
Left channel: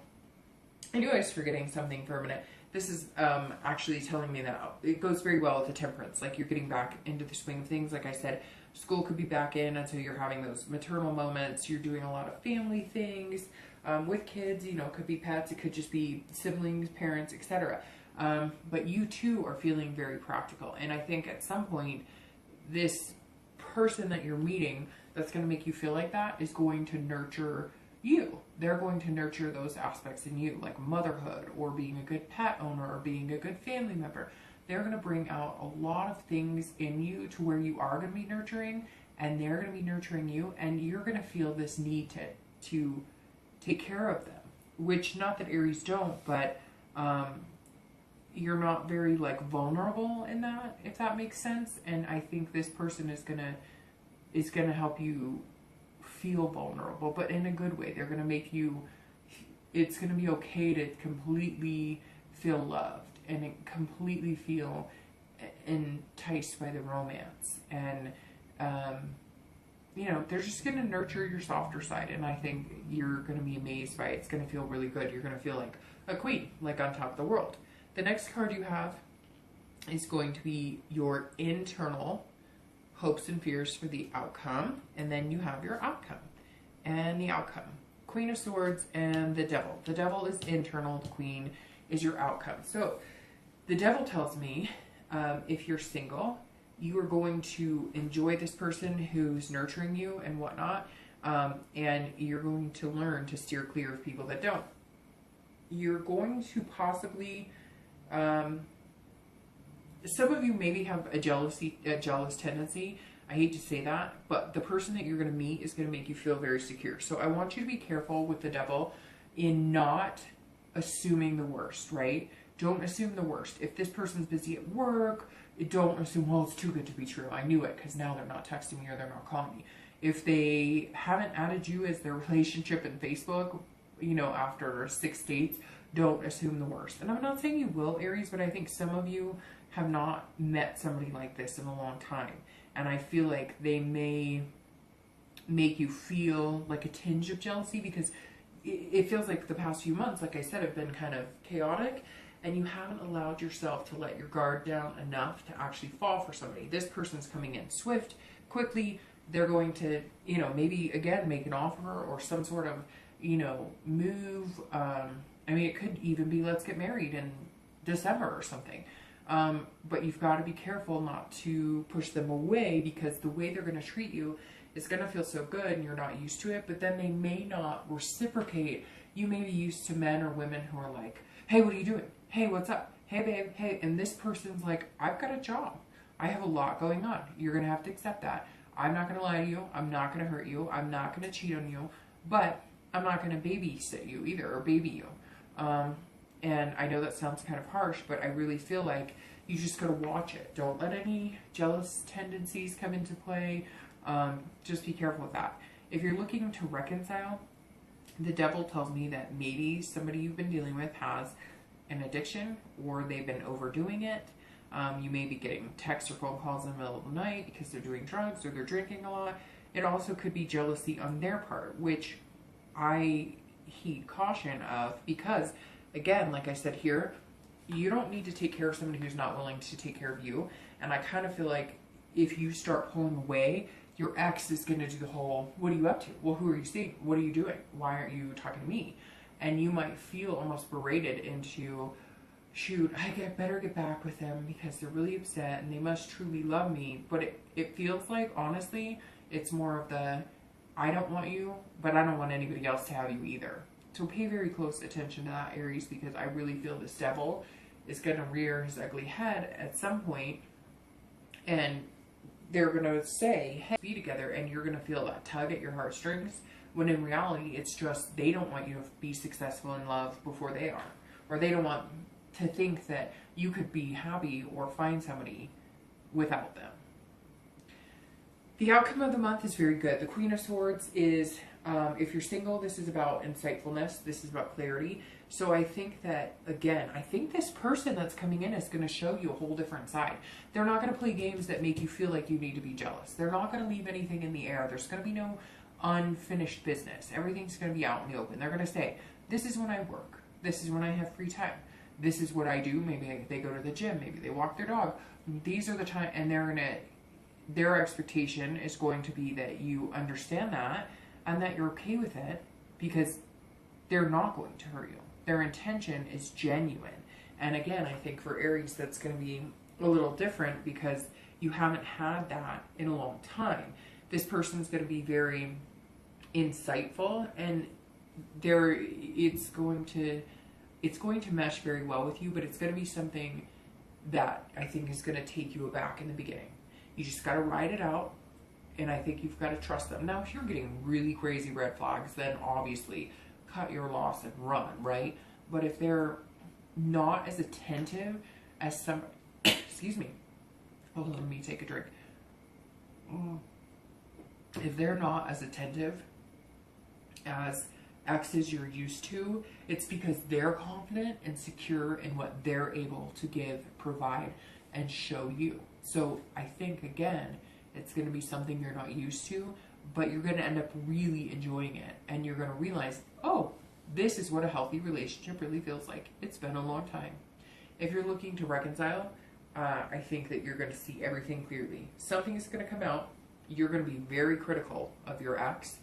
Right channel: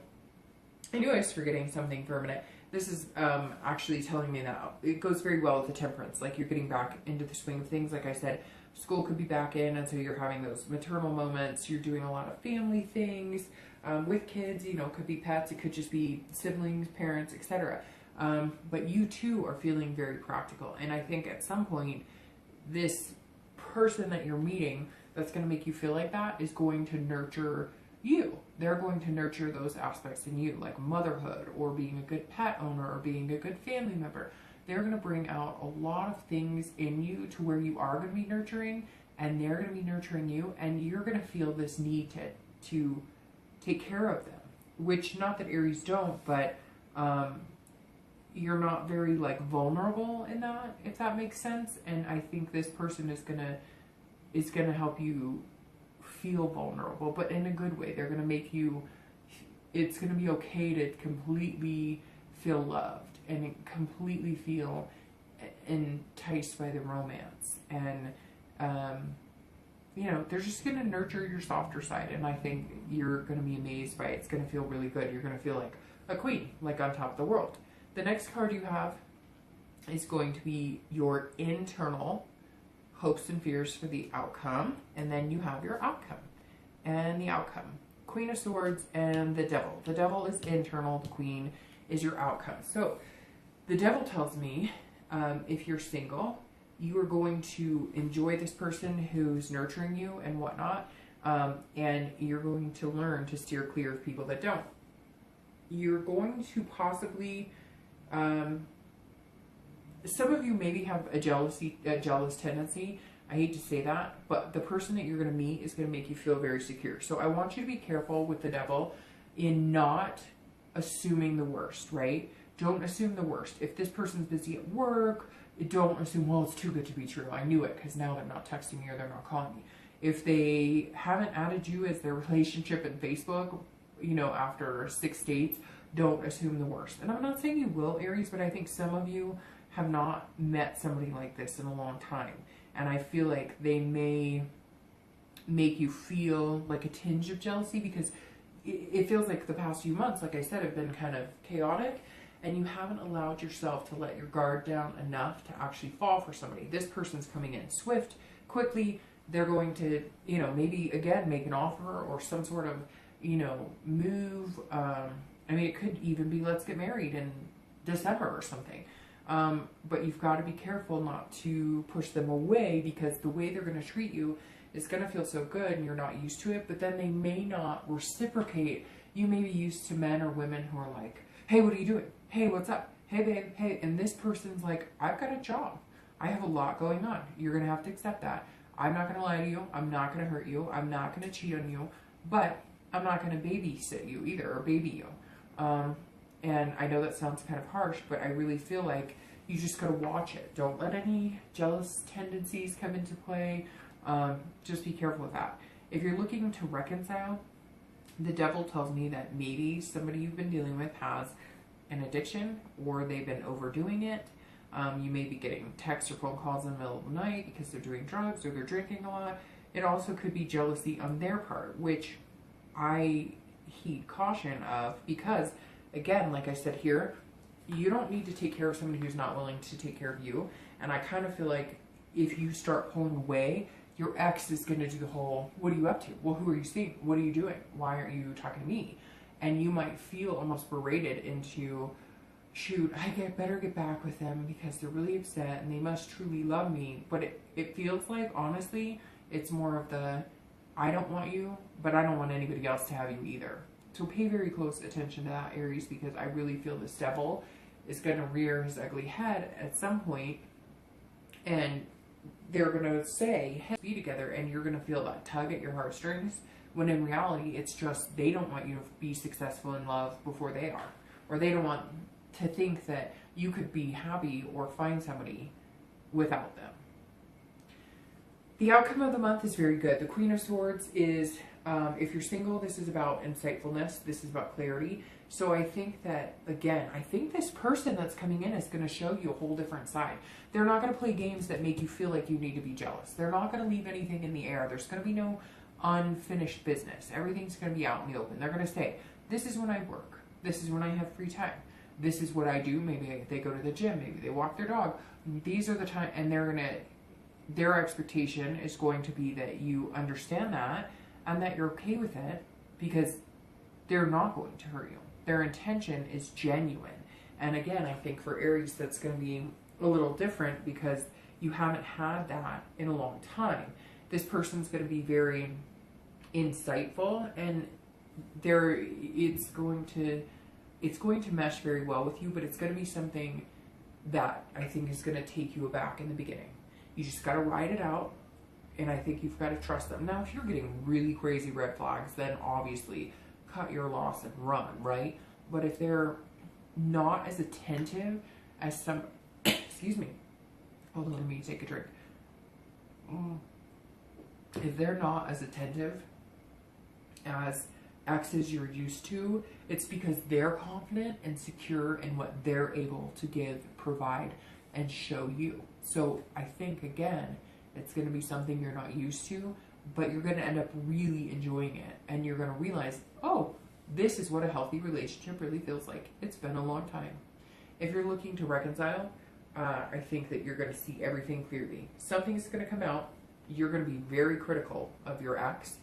I knew I was forgetting something for a minute. This is actually telling me that it goes very well with the Temperance. Like, you're getting back into the swing of things. Like I said, school could be back in, and so you're having those maternal moments. You're doing a lot of family things with kids. Could be pets. It could just be siblings, parents, etc. But you too are feeling very practical. And I think at some point, this person that you're meeting that's going to make you feel like that is going to nurture you. They're going to nurture those aspects in you, like motherhood, or being a good pet owner, or being a good family member. They're going to bring out a lot of things in you to where you are going to be nurturing, and they're going to be nurturing you, and you're going to feel this need to take care of them. Which, not that Aries don't, but you're not very vulnerable in that, if that makes sense. And I think this person is gonna help you feel vulnerable, but in a good way. They're gonna make you, it's gonna be okay to completely feel loved and completely feel enticed by the romance. And they're just gonna nurture your softer side, and I think you're gonna be amazed by it. It's gonna feel really good. You're gonna feel like a queen, like on top of the world. The next card you have is going to be your internal hopes and fears for the outcome, and then you have your outcome. And the outcome, Queen of Swords and the Devil. The Devil is internal, the Queen is your outcome. So the Devil tells me, if you're single, you are going to enjoy this person who's nurturing you and whatnot, and you're going to learn to steer clear of people that don't. You're going to possibly, some of you maybe have a jealous tendency. I hate to say that, but the person that you're going to meet is going to make you feel very secure. So I want you to be careful with the Devil in not assuming the worst, right? Don't assume the worst. If this person's busy at work, don't assume, well, it's too good to be true. I knew it because now they're not texting me or they're not calling me. If they haven't added you as their relationship in Facebook, after 6 dates, don't assume the worst. And I'm not saying you will, Aries, but I think some of you have not met somebody like this in a long time. And I feel like they may make you feel like a tinge of jealousy, because it feels like the past few months, like I said, have been kind of chaotic, and you haven't allowed yourself to let your guard down enough to actually fall for somebody. This person's coming in quickly. They're going to, maybe again make an offer or some sort of, you know, move. I mean, it could even be let's get married in December or something. But you've got to be careful not to push them away, because the way they're going to treat you is going to feel so good and you're not used to it, but then they may not reciprocate. You may be used to men or women who are like, hey, what are you doing? Hey, what's up? Hey, babe, hey. And this person's like, I've got a job. I have a lot going on. You're going to have to accept that. I'm not going to lie to you. I'm not going to hurt you. I'm not going to cheat on you. But I'm not going to babysit you either, or baby you. And I know that sounds kind of harsh, but I really feel like you just got to watch it. Don't let any jealous tendencies come into play. Just be careful with that. If you're looking to reconcile, the devil tells me that maybe somebody you've been dealing with has an addiction, or they've been overdoing it. You may be getting texts or phone calls in the middle of the night because they're doing drugs or they're drinking a lot. It also could be jealousy on their part, which I heed caution of, because, again, like I said here, you don't need to take care of somebody who's not willing to take care of you. And I kind of feel like if you start pulling away, your ex is going to do the whole, what are you up to? Well, who are you seeing? What are you doing? Why aren't you talking to me? And you might feel almost berated into, shoot, I better get back with them because they're really upset and they must truly love me. But it feels like, honestly, it's more of the, I don't want you, but I don't want anybody else to have you either. So pay very close attention to that, Aries, because I really feel this devil is going to rear his ugly head at some point, and they're going to say, hey, be together, and you're going to feel that tug at your heartstrings, when in reality, it's just they don't want you to be successful in love before they are, or they don't want to think that you could be happy or find somebody without them. The outcome of the month is very good. The Queen of Swords is, if you're single, this is about insightfulness. This is about clarity. So I think that, again, I think this person that's coming in is going to show you a whole different side. They're not going to play games that make you feel like you need to be jealous. They're not going to leave anything in the air. There's going to be no unfinished business. Everything's going to be out in the open. They're going to say, this is when I work. This is when I have free time. This is what I do. Maybe they go to the gym. Maybe they walk their dog. These are the time, and their expectation is going to be that you understand that and that you're okay with it, because they're not going to hurt you. Their intention is genuine. And again, I think for Aries, that's going to be a little different because you haven't had that in a long time. This person's going to be very insightful, and it's going to mesh very well with you, but it's going to be something that I think is going to take you aback in the beginning. You just got to ride it out, and I think you've got to trust them. Now, if you're getting really crazy red flags, then obviously cut your loss and run, right? But if they're not as attentive as some, excuse me, hold on, let me take a drink. If they're not as attentive as exes you're used to, it's because they're confident and secure in what they're able to give, provide, and show you. So I think, again, it's going to be something you're not used to, but you're going to end up really enjoying it. And you're going to realize, oh, this is what a healthy relationship really feels like. It's been a long time. If you're looking to reconcile, I think that you're going to see everything clearly. Something is going to come out. You're going to be very critical of your ex.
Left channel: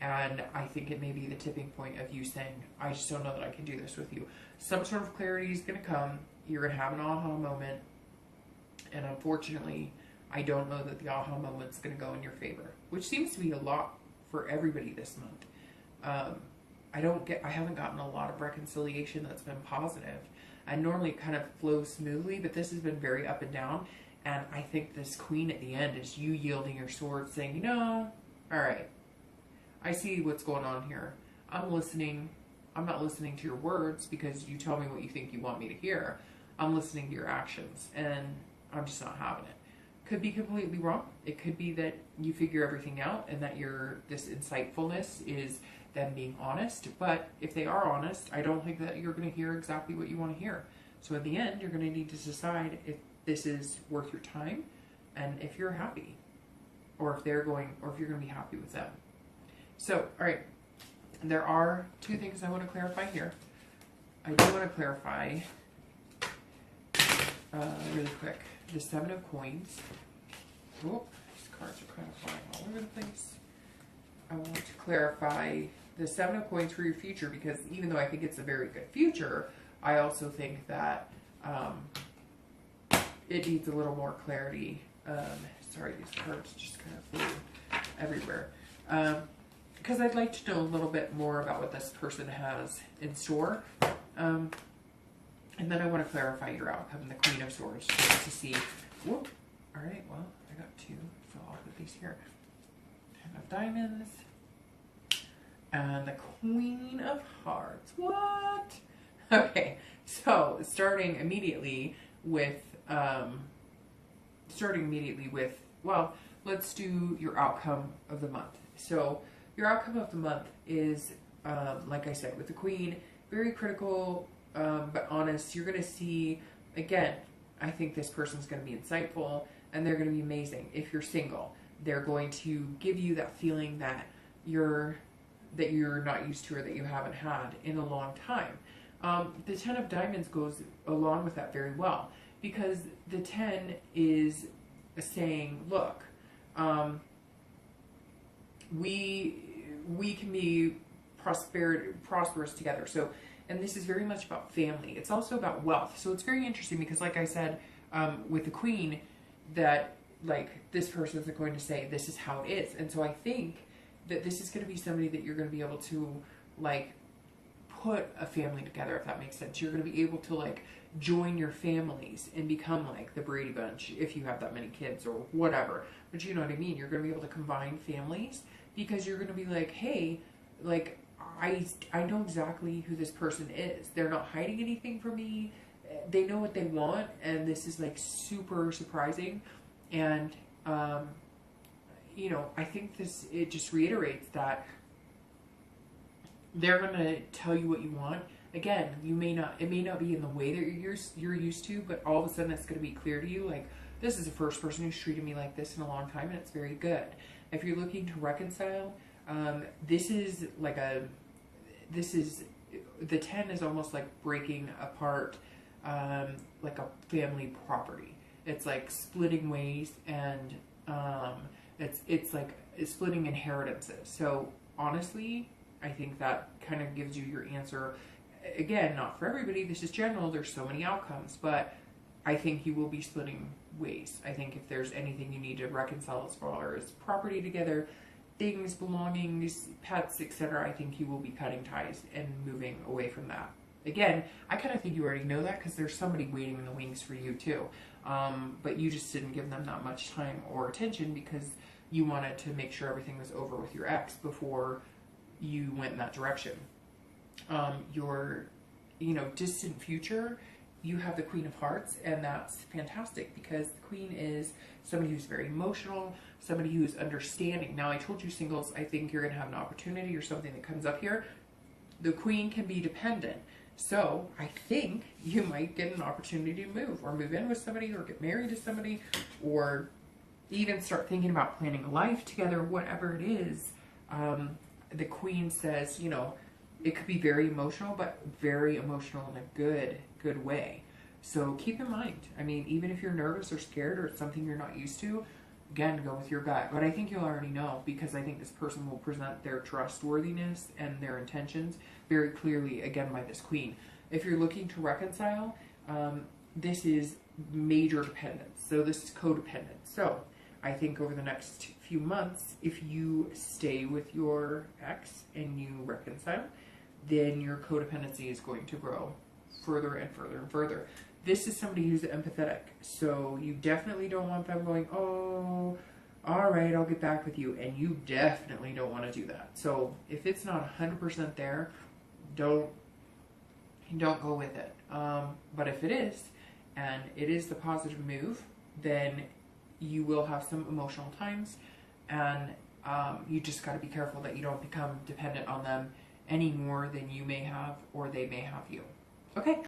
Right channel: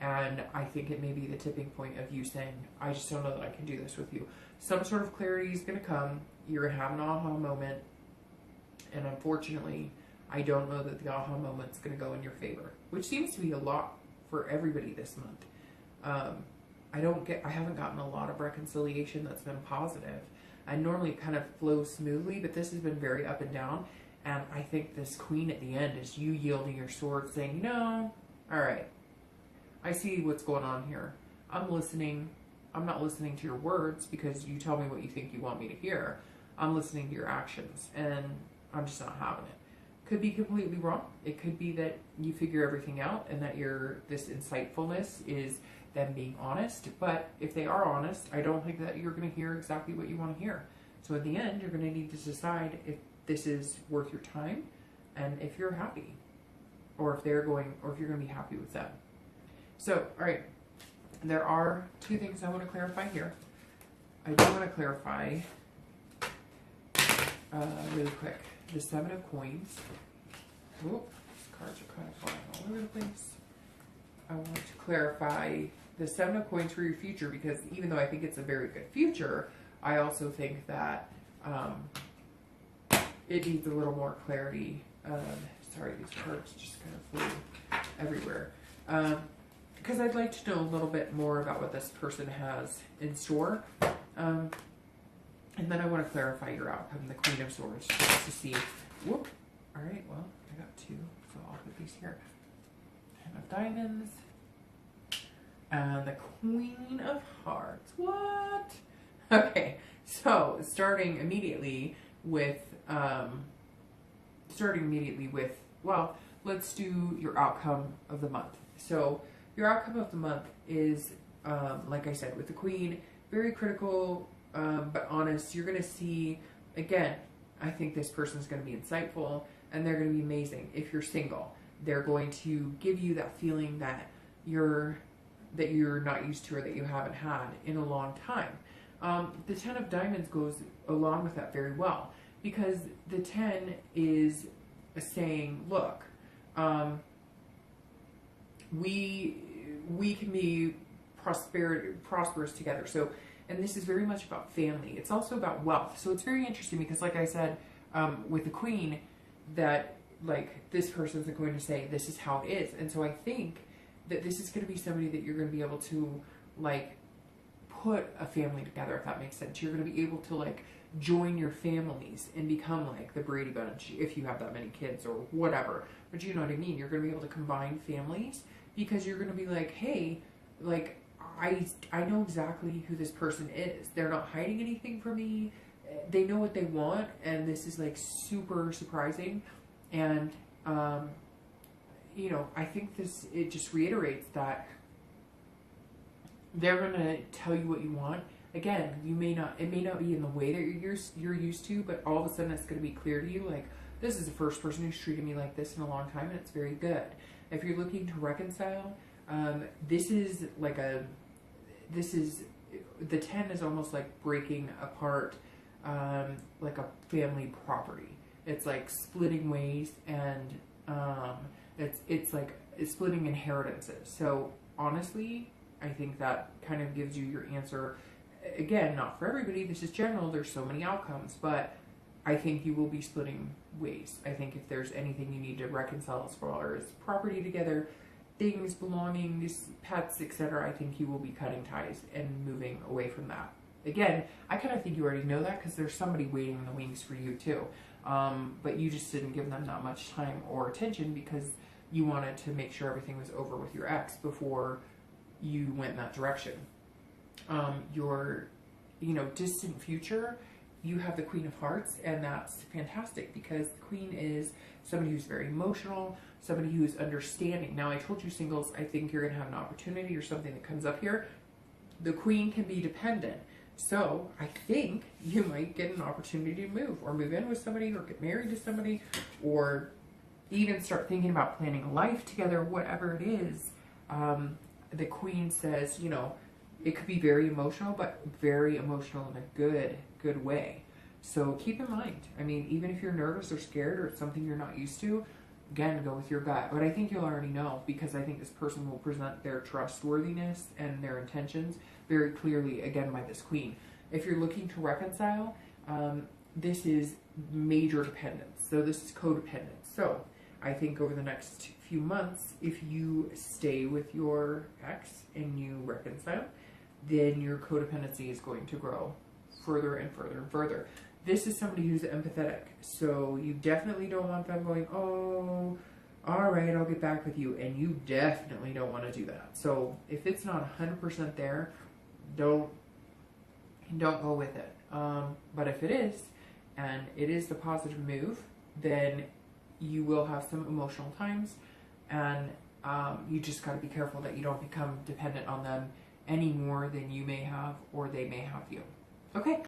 And I think it may be the tipping point of you saying, I just don't know that I can do this with you. Some sort of clarity is going to come. You're going to have an aha moment. And unfortunately, I don't know that the aha moment's going to go in your favor, which seems to be a lot for everybody this month. I haven't gotten a lot of reconciliation that's been positive. I normally kind of flow smoothly, but this has been very up and down. And I think this queen at the end is you yielding your sword, saying, all right, I see what's going on here. I'm listening. I'm not listening to your words because you tell me what you think you want me to hear. I'm listening to your actions, and I'm just not having it. Could be completely wrong. It could be that you figure everything out and that this insightfulness is them being honest. But if they are honest, I don't think that you're going to hear exactly what you want to hear. So at the end, you're going to need to decide if this is worth your time and if you're happy, or if you're going to be happy with them. So, all right, there are two things I want to clarify here. I do want to clarify really quick. The Seven of Coins. Oop, these cards are kind of flying all over the place. I want to clarify the Seven of Coins for your future, because even though I think it's a very good future, I also think that it needs a little more clarity. Sorry, these cards just kind of flew everywhere. Because I'd like to know a little bit more about what this person has in store. And then I want to clarify your outcome, the Queen of Swords, just to see. Whoop. All right, well, I got two, so I'll put these here. Ten of Diamonds. And the Queen of Hearts. What? Okay, so starting immediately with, well, let's do your outcome of the month. So your outcome of the month is, like I said, with the Queen, very critical, but honest. You're going to see, again, I think this person's going to be insightful, and they're going to be amazing. If you're single, they're going to give you that feeling that you're not used to, or that you haven't had in a long time. The Ten of Diamonds goes along with that very well, because the 10 is saying, look, we can be prosperous together. So, and this is very much about family. It's also about wealth. So it's very interesting because, like I said, with the Queen, that like this person isn't going to say this is how it is. And so I think that this is going to be somebody that you're going to be able to like put a family together, if that makes sense. You're going to be able to like join your families and become like the Brady Bunch if you have that many kids or whatever. But you know what I mean? You're going to be able to combine families, because you're going to be like, hey, like I know exactly who this person is. They're not hiding anything from me. They know what they want, and this is like super surprising. And you know, I think it just reiterates that they're gonna tell you what you want. Again, it may not be in the way that you're used to, but all of a sudden it's gonna be clear to you, like, this is the first person who's treated me like this in a long time, and it's very good. If you're looking to reconcile, the 10 is almost like breaking apart like a family property. It's like splitting ways, and it's like splitting inheritances. So honestly, I think that kind of gives you your answer. Again, not for everybody, this is general, there's so many outcomes, but I think you will be splitting ways. I think if there's anything you need to reconcile as far as property together, things, belongings, pets, etc., I think you will be cutting ties and moving away from that. Again, I kind of think you already know that, because there's somebody waiting in the wings for you too. But you just didn't give them that much time or attention because you wanted to make sure everything was over with your ex before you went in that direction. Your, distant future, you have the Queen of Hearts, and that's fantastic, because the Queen is somebody who's very emotional, somebody who's understanding. Now, I told you, singles, I think you're going to have an opportunity or something that comes up here. The Queen can be dependent. So I think you might get an opportunity to move in with somebody, or get married to somebody, or even start thinking about planning a life together, whatever it is. The Queen says, it could be very emotional, but very emotional in a good way. So keep in mind, I mean, even if you're nervous or scared, or it's something you're not used to, again, go with your gut. But I think you'll already know, because I think this person will present their trustworthiness and their intentions very clearly, again, by this Queen. If you're looking to reconcile, this is major dependence. So this is codependence. So I think over the next few months, if you stay with your ex and you reconcile, then your codependency is going to grow further and further and further. This is somebody who's empathetic, so you definitely don't want them going, oh, all right, I'll get back with you, and you definitely don't want to do that. So if it's not 100% there, don't go with it. But if it is, and it is the positive move, then you will have some emotional times, and you just got to be careful that you don't become dependent on them any more than you may have, or they may have you. Okay.